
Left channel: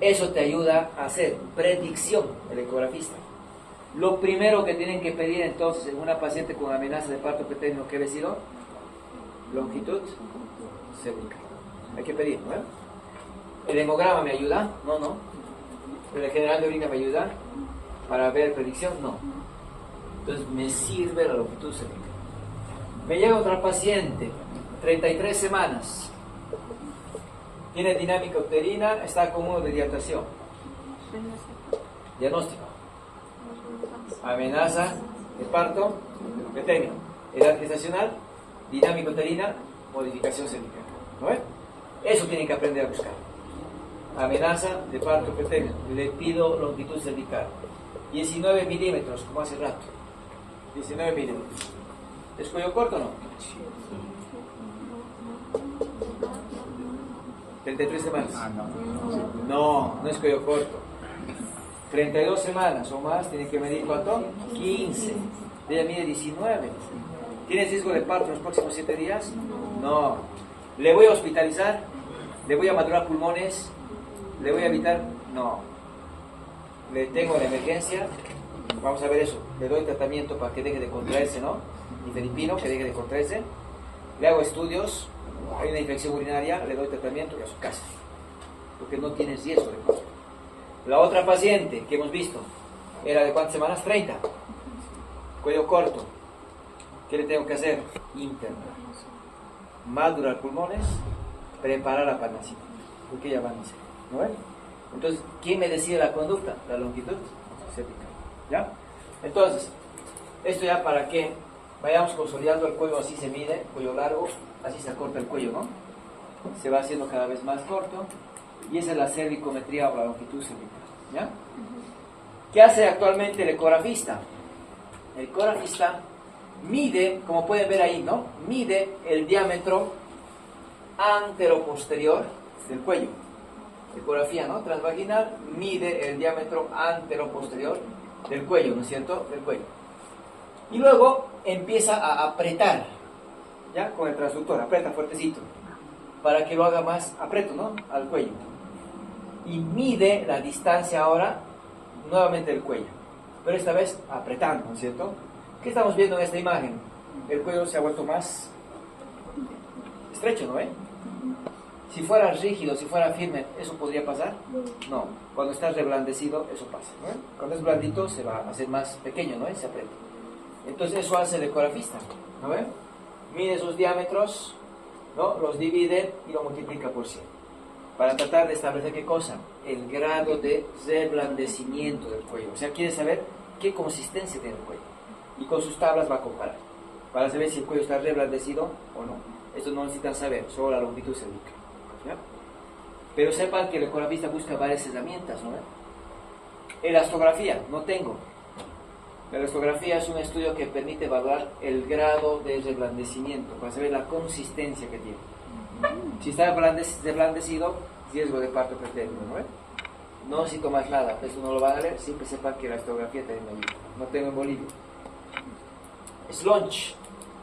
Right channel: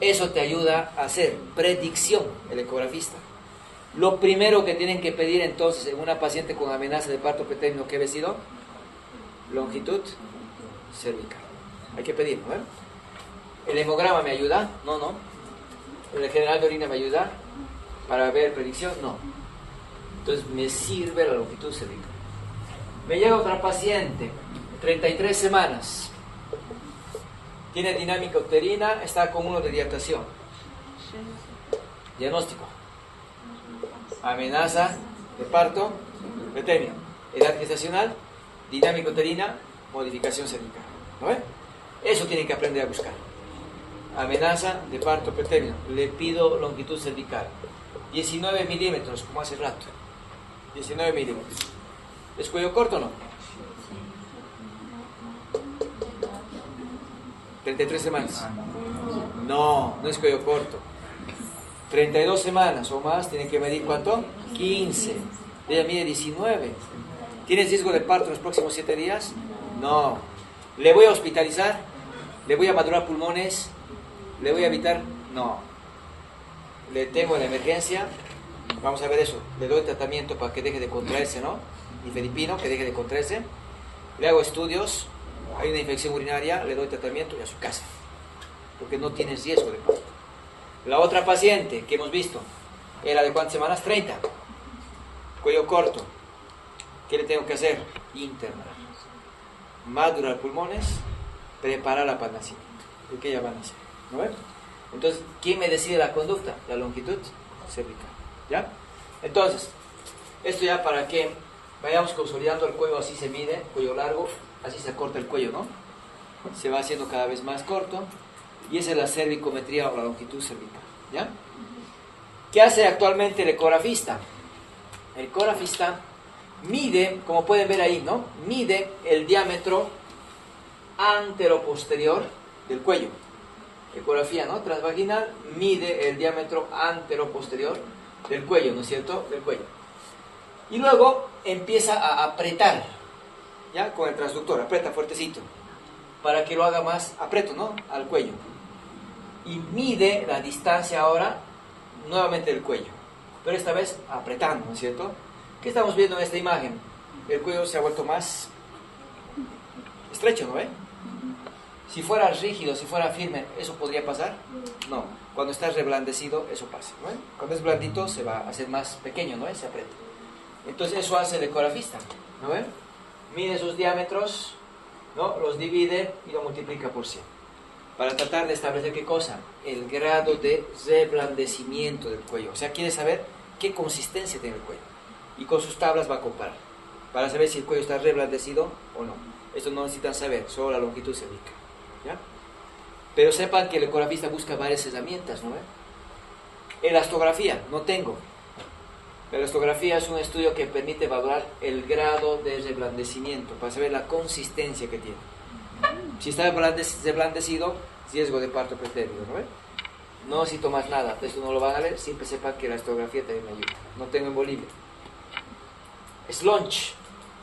Eso te ayuda a hacer predicción, el ecografista. Lo primero que tienen que pedir entonces en una paciente con amenaza de parto pretérmino, ¿qué ha sido? Longitud cervical. Hay que pedir, ¿no? ¿El hemograma me ayuda? No, no. ¿El general de orina me ayuda para ver predicción? No. Entonces me sirve la longitud cervical. Me llega otra paciente, 33 semanas. Tiene dinámica uterina, está con 1 de dilatación. Diagnóstico. Amenaza de parto pretérmino. Edad gestacional, dinámica uterina, modificación cervical. ¿No ve? Eso tienen que aprender a buscar. Amenaza de parto pretérmino. Le pido longitud cervical. 19 milímetros, como hace rato. 19 milímetros. ¿Es cuello corto o no? 33 semanas. No, no es cuello corto. 32 semanas o más, tiene que medir ¿cuánto? 15. Ella mide 19. ¿Tienes riesgo de parto en los próximos 7 días? No. ¿Le voy a hospitalizar? ¿Le voy a madurar pulmones? ¿Le voy a evitar? No. Le tengo la emergencia. Vamos a ver eso. Le doy tratamiento para que deje de contraerse, ¿no? Nifedipino, que deje de contraerse. Le hago estudios. Hay una infección urinaria, le doy tratamiento y a su casa. Porque no tiene riesgo de parto. La otra paciente que hemos visto era de ¿cuántas semanas? 30. Cuello corto. ¿Qué le tengo que hacer? Internar. Madurar pulmones, preparar la para nacimiento. Porque ella va a nacer. ¿No ven? Entonces, ¿quién me decide la conducta? La longitud cervical. ¿Ya? Entonces, esto ya para que vayamos consolidando el cuello, así se mide, cuello largo, así se acorta el cuello, ¿no? Se va haciendo cada vez más corto, y esa es la cervicometría o la longitud cervical, ¿ya? ¿Qué hace actualmente el ecografista? El ecografista mide, como pueden ver ahí, ¿no? Mide el diámetro anteroposterior del cuello. Ecografía, ¿no? Transvaginal, mide el diámetro anteroposterior del cuello, ¿no es cierto? Del cuello. Y luego empieza a apretar, ¿ya? Con el transductor, aprieta fuertecito, para que lo haga más, aprieto, ¿no? Al cuello. Y mide la distancia ahora, nuevamente del cuello, pero esta vez apretando, ¿no es cierto? ¿Qué estamos viendo en esta imagen? El cuello se ha vuelto más estrecho, ¿no ve? Si fuera rígido, si fuera firme, ¿eso podría pasar? No. Cuando está reblandecido, eso pasa, ¿no ve? Cuando es blandito, se va a hacer más pequeño, ¿no ve? Se aprieta. Entonces eso hace el ecografista, ¿no ve? Mide sus diámetros, ¿no? Los divide y lo multiplica por 100. Para tratar de establecer ¿qué cosa? El grado de reblandecimiento del cuello. O sea, quiere saber qué consistencia tiene el cuello. Y con sus tablas va a comparar, para saber si el cuello está reblandecido o no. Esto no necesitan saber, solo la longitud cervical, ¿ya? Pero sepan que el ecografista busca varias herramientas, ¿no? Elastografía, no tengo. La elastografía es un estudio que permite evaluar el grado de reblandecimiento, para saber la consistencia que tiene. Si está reblandecido, riesgo de parto pretérmino, ¿no? No necesito más nada, esto no lo van a ver, siempre sepan que la elastografía también me ayuda. No tengo en Bolivia. Slunch.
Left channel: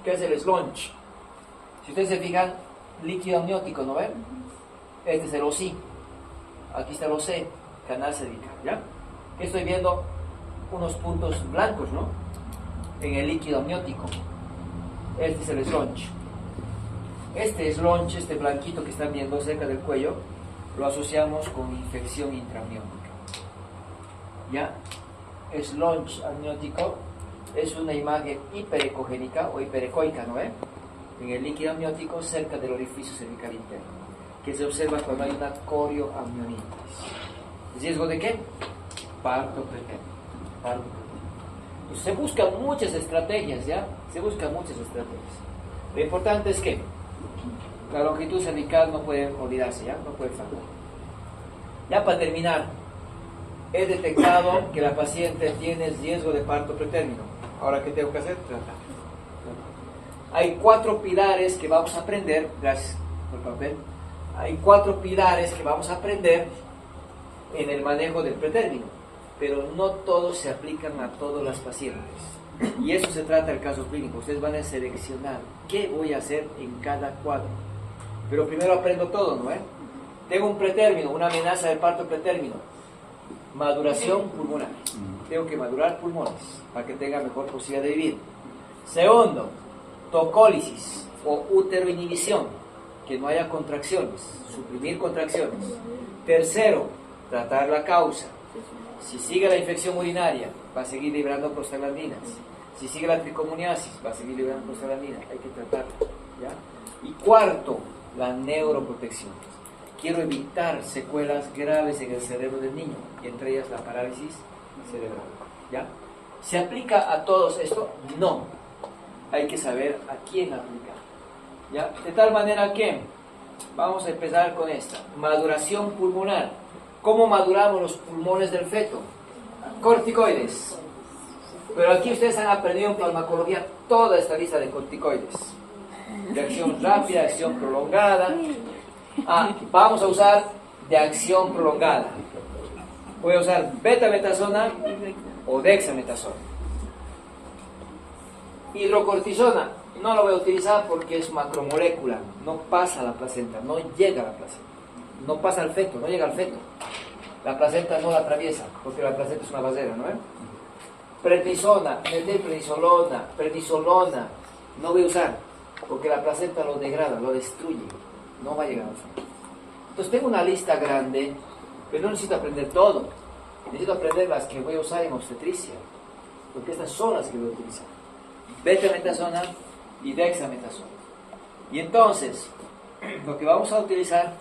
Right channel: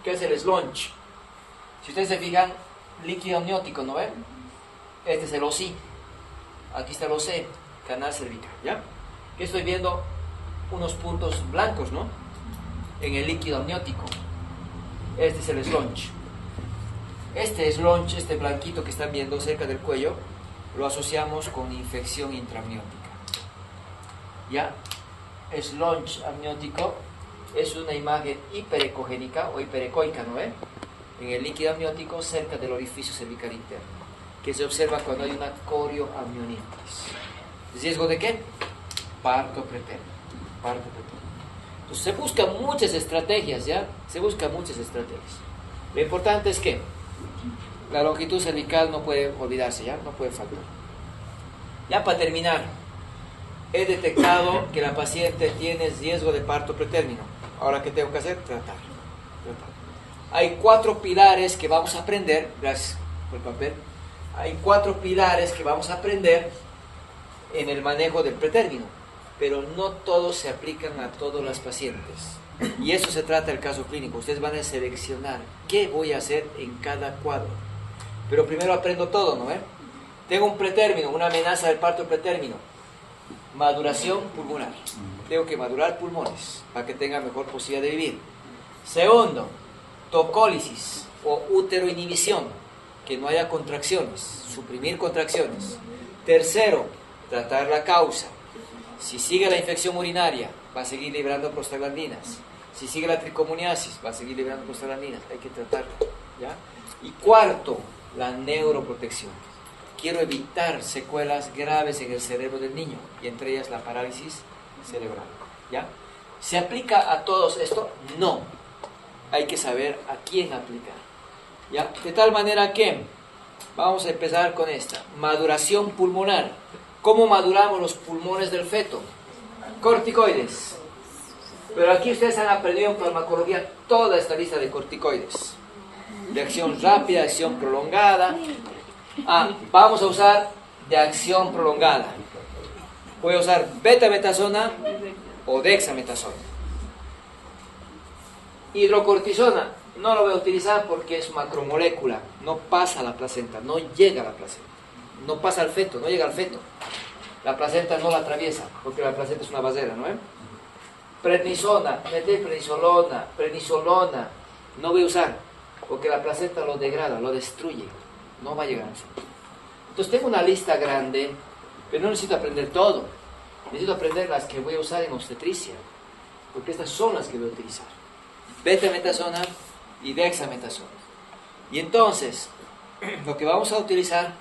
¿Qué es el slunch? Si ustedes se fijan, líquido amniótico, ¿no ven? Este es el OC. Aquí está el OC, canal cervical, ¿ya? Que estoy viendo unos puntos blancos, ¿no? En el líquido amniótico. Este es el slunch. Este slunch, este blanquito que están viendo cerca del cuello, lo asociamos con infección intraamniótica. ¿Ya? Slunch amniótico es una imagen hiperecogénica o hiperecoica, ¿no ve? En el líquido amniótico cerca del orificio cervical interno, que se observa cuando hay una corioamnionitis. ¿Riesgo de qué? Parto pretérmino. Parto pretérmino. Entonces se buscan muchas estrategias, ¿ya? Se buscan muchas estrategias. Lo importante es que la longitud cervical no puede olvidarse, ¿ya? No puede faltar. Ya para terminar, he detectado que la paciente tiene riesgo de parto pretérmino. Ahora, ¿qué tengo que hacer? Tratar. Hay 4 pilares que vamos a aprender, gracias por el papel. Hay 4 pilares que vamos a aprender en el manejo del pretérmino, pero no todos se aplican a todos los pacientes. Y eso se trata del caso clínico. Ustedes van a seleccionar qué voy a hacer en cada cuadro. Pero primero aprendo todo, ¿no? Tengo un pretérmino, una amenaza del parto pretérmino. Maduración pulmonar. Tengo que madurar pulmones para que tenga mejor posibilidad de vivir. Segundo, tocólisis o útero-inhibición, que no haya contracciones, suprimir contracciones. Tercero, tratar la causa. Si sigue la infección urinaria, va a seguir liberando prostaglandinas. Si sigue la tricomoniasis, va a seguir liberando prostaglandinas. Hay que tratarlo, ¿ya? Y cuarto, la neuroprotección. Quiero evitar secuelas graves en el cerebro del niño, y entre ellas la parálisis cerebral, ¿ya? ¿Se aplica a todos esto? No. Hay que saber a quién aplicar, ¿ya? De tal manera que vamos a empezar con esta. Maduración pulmonar. ¿Cómo maduramos los pulmones del feto? Corticoides. Pero aquí ustedes han aprendido en farmacología toda esta lista de corticoides. De acción rápida, acción prolongada. Vamos a usar de acción prolongada. Voy a usar betametasona o dexametasona. Hidrocortisona no lo voy a utilizar porque es macromolécula, no pasa a la placenta, no llega a la placenta, no pasa al feto, no llega al feto. La placenta no la atraviesa porque la placenta es una basera, ¿no? Prednisona, prednisolona, no voy a usar porque la placenta lo degrada, lo destruye, no va a llegar al feto. Entonces tengo una lista grande, pero no necesito aprender todo, necesito aprender las que voy a usar en obstetricia, porque estas son las que voy a utilizar. Betametasona y dexametasona. Y entonces, lo que vamos a utilizar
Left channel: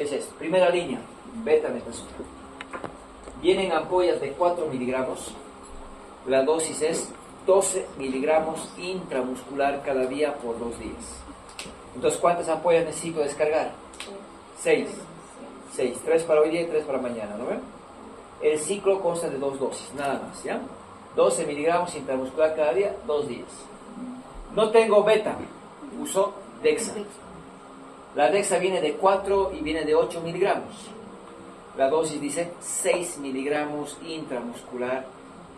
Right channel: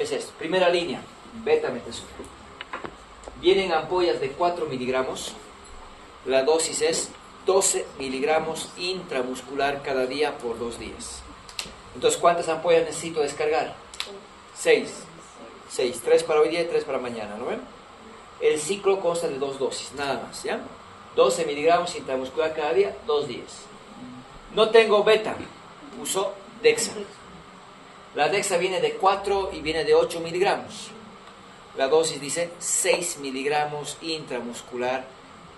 es esto. Primera línea, betametasona. Vienen ampollas de 4 miligramos. La dosis es 12 miligramos intramuscular cada día por 2 días. Entonces, ¿cuántas ampollas necesito descargar? 6. 6. 3 para hoy día y 3 para mañana, ¿no ven? El ciclo consta de 2 dosis, nada más, ¿ya? 12 miligramos intramuscular cada día, 2 días. No tengo beta, uso Dexa. La Dexa viene de 4 y viene de 8 miligramos. La dosis dice 6 miligramos intramuscular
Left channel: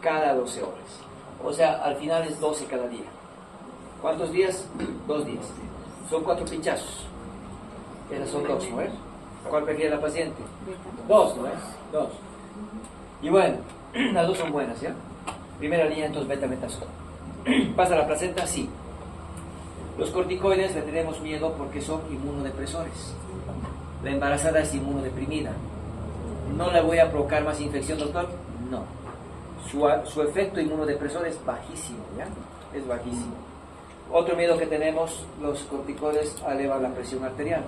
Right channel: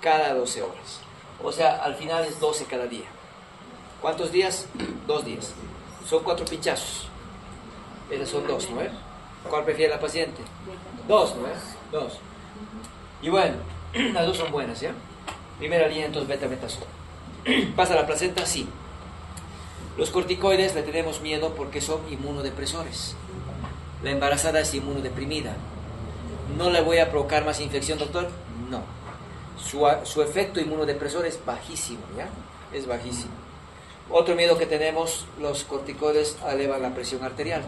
cada 12 horas. O sea, al final es 12 cada día. ¿Cuántos días? 2 días. Son 4 pinchazos. Esas son 2, ¿no es? ¿Cuál prefiere la paciente? 2, ¿no es? 2. Y bueno, las dos son buenas, ¿ya? Primera línea, entonces beta-metasona. ¿Pasa la placenta? Sí. Los corticoides le tenemos miedo porque son inmunodepresores. La embarazada es inmunodeprimida. ¿No le voy a provocar más infección, doctor? No. Su efecto inmunodepresor es bajísimo, ¿ya? Es bajísimo. Otro miedo que tenemos, los corticoides elevan la presión arterial.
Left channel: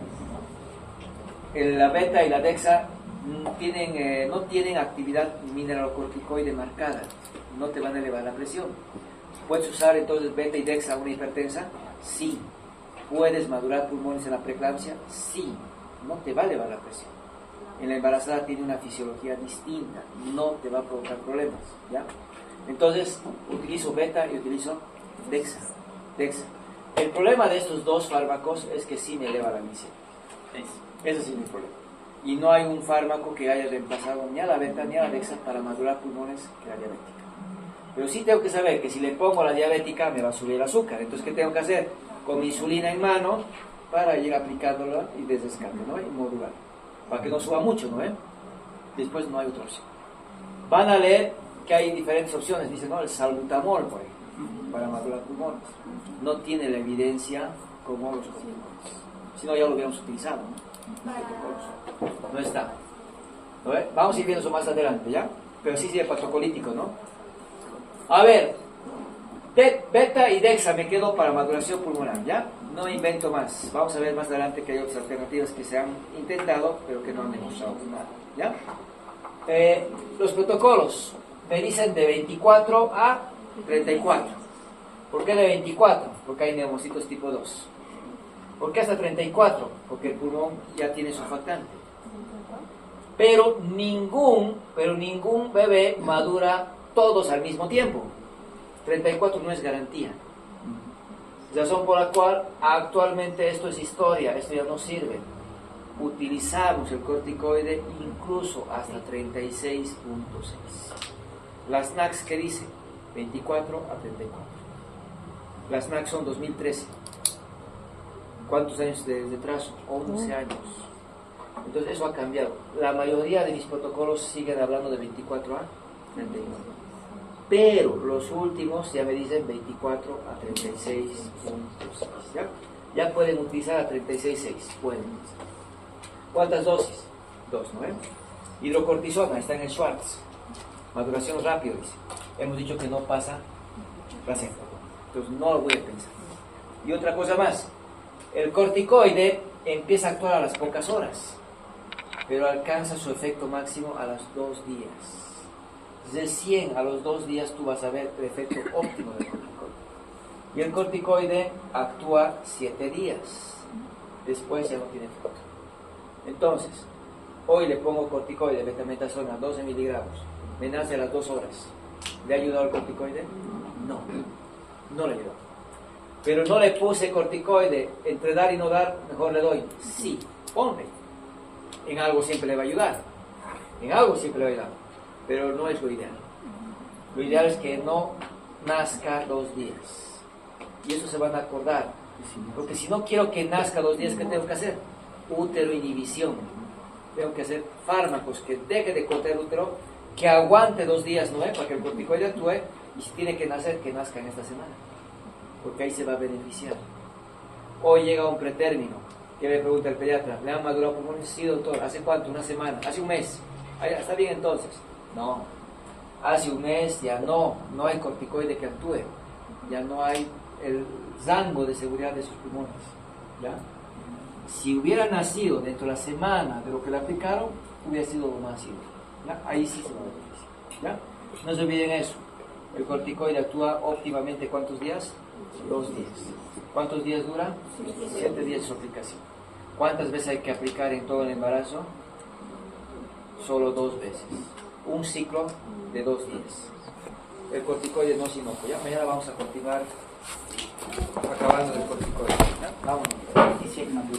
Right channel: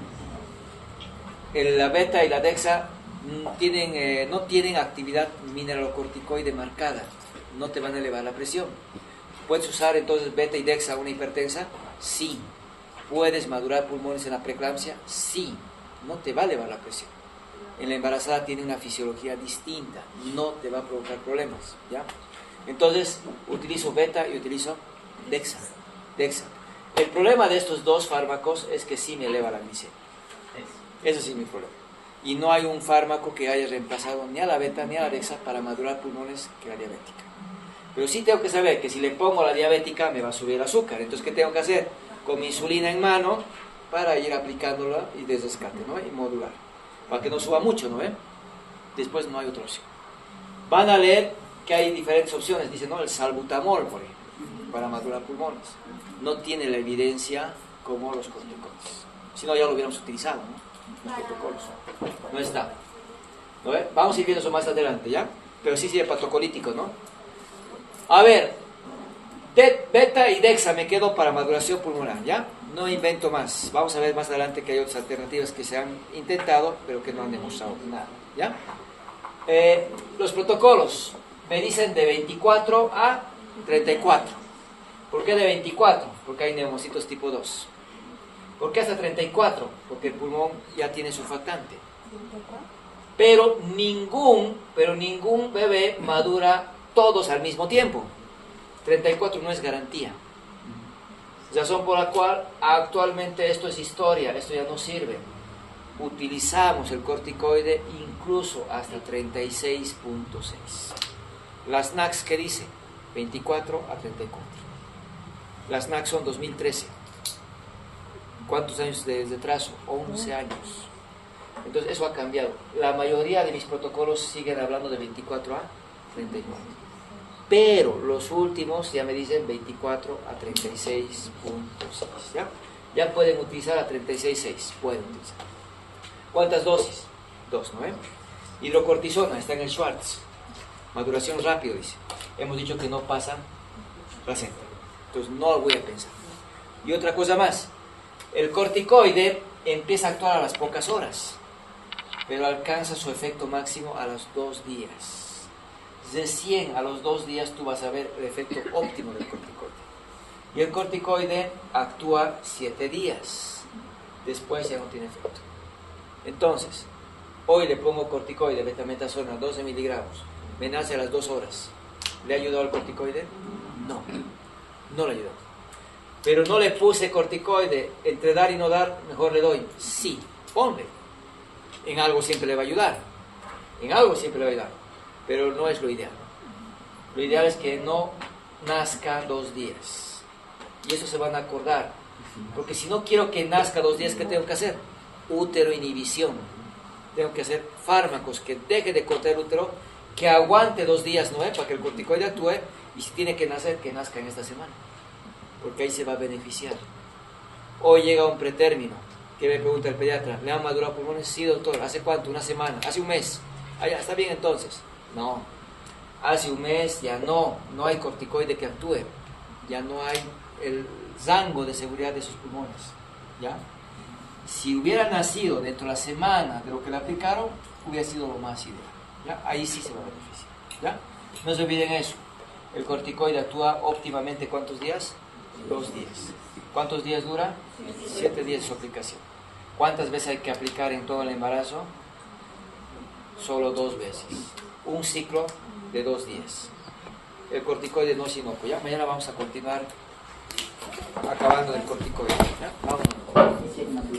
La beta y la dexa no tienen actividad mineralocorticoide marcada. No te van a elevar la presión. ¿Puedes usar entonces beta y dexa a una hipertensa? Sí. ¿Puedes madurar pulmones en la preeclampsia? Sí. No te va a elevar la presión. En la embarazada tiene una fisiología distinta, no te va a provocar problemas, ¿ya? Entonces, utilizo beta y utilizo dexa. El problema de estos dos fármacos es que sí me eleva la glicemia. Ese sí es mi problema. Y no hay un fármaco que haya reemplazado ni a la beta ni a la dexa para madurar pulmones que la diabética. Pero sí tengo que saber que si le pongo a la diabética me va a subir el azúcar. Entonces, ¿qué tengo que hacer? Con mi insulina en mano para ir aplicándola y desescate, ¿no? Y modular. Para que no suba mucho, ¿no? Después no hay otra opción. Van a leer que hay diferentes opciones. Dicen, ¿no? El salbutamol, por ejemplo, para madurar pulmones. No tiene la evidencia como los corticoides. Si no, ya lo hubiéramos utilizado, ¿no? Los protocolos. No está. ¿No? Vamos a ir viendo eso más adelante, ¿ya? Pero sí es hepatocolítico, ¿no? A ver, beta y dexa me quedo para maduración pulmonar, ¿ya? No invento más. Vamos a ver más adelante que hay otras alternativas que se han intentado, pero que no han demostrado nada, ¿ya? Los protocolos me dicen de 24 a 34. ¿Por qué de 24? Porque hay neumocitos tipo 2. ¿Por qué hasta 34? Porque el pulmón ya tiene surfactante. Pero ningún bebé madura todos al mismo tiempo. 34 no es garantía. Razón por la cual actualmente esto es historia, esto ya no sirve. Utilizamos el corticoide incluso hasta 36.6. Las NACs, ¿qué dice? 24 a 34. Las NACs son 2013. ¿Cuántos años de retraso? 11 años. Entonces eso ha cambiado. La mayoría de mis protocolos siguen hablando de 24 a 34. Pero los últimos ya me dicen 24 a 36.6. ¿Ya? Ya pueden utilizar a 36.6. Pueden utilizar. ¿Cuántas dosis? 2, ¿no? Hidrocortisona, está en el Schwartz. Maduración rápido, dice. Hemos dicho que no pasa placenta. Entonces no lo voy a pensar. Y otra cosa más. El corticoide empieza a actuar a las pocas horas, pero alcanza su efecto máximo a los 2 días. Recién a los 2 días tú vas a ver el efecto óptimo del corticoide. Y el corticoide actúa 7 días. Después ya no tiene efecto. Entonces, hoy le pongo corticoide, betametasona, 12 miligramos. Me nace a las 2 horas. ¿Le ha ayudado el corticoide? No, no le ayudó. Pero no le puse corticoide, entre dar y no dar, mejor le doy. Sí, ponle. En algo siempre le va a ayudar. En algo siempre le va a ayudar. Pero no es lo ideal. Lo ideal es que no nazca 2 días. Y eso se van a acordar. Porque si no quiero que nazca 2 días, ¿qué tengo que hacer? Útero inhibición. Tengo que hacer fármacos que deje de cortar el útero, que aguante 2 días, ¿no? Para que el corticoide actúe. Y si tiene que nacer, que nazca en esta semana. Porque ahí se va a beneficiar. Hoy llega un pretérmino. ¿Qué me pregunta el pediatra? ¿Le han madurado pulmones? Sí, doctor. ¿Hace cuánto? ¿Una semana? ¿Hace un mes? Ah, ya, está bien entonces. No. Hace un mes ya no hay corticoide que actúe. Ya no hay el rango de seguridad de sus pulmones. ¿Ya? Si hubiera nacido dentro de la semana de lo que le aplicaron, hubiera sido lo más ideal. ¿Ya? Ahí sí se va a beneficiar. ¿Ya? No se olviden eso. El corticoide actúa óptimamente ¿cuántos días? 2 días. ¿Cuántos días dura? 7 días su aplicación. ¿Cuántas veces hay que aplicar en todo el embarazo? Solo 2 veces. Un ciclo de 2 días. El corticoide no es inocuo. Ya mañana vamos a continuar acabando el corticoide. Vamos.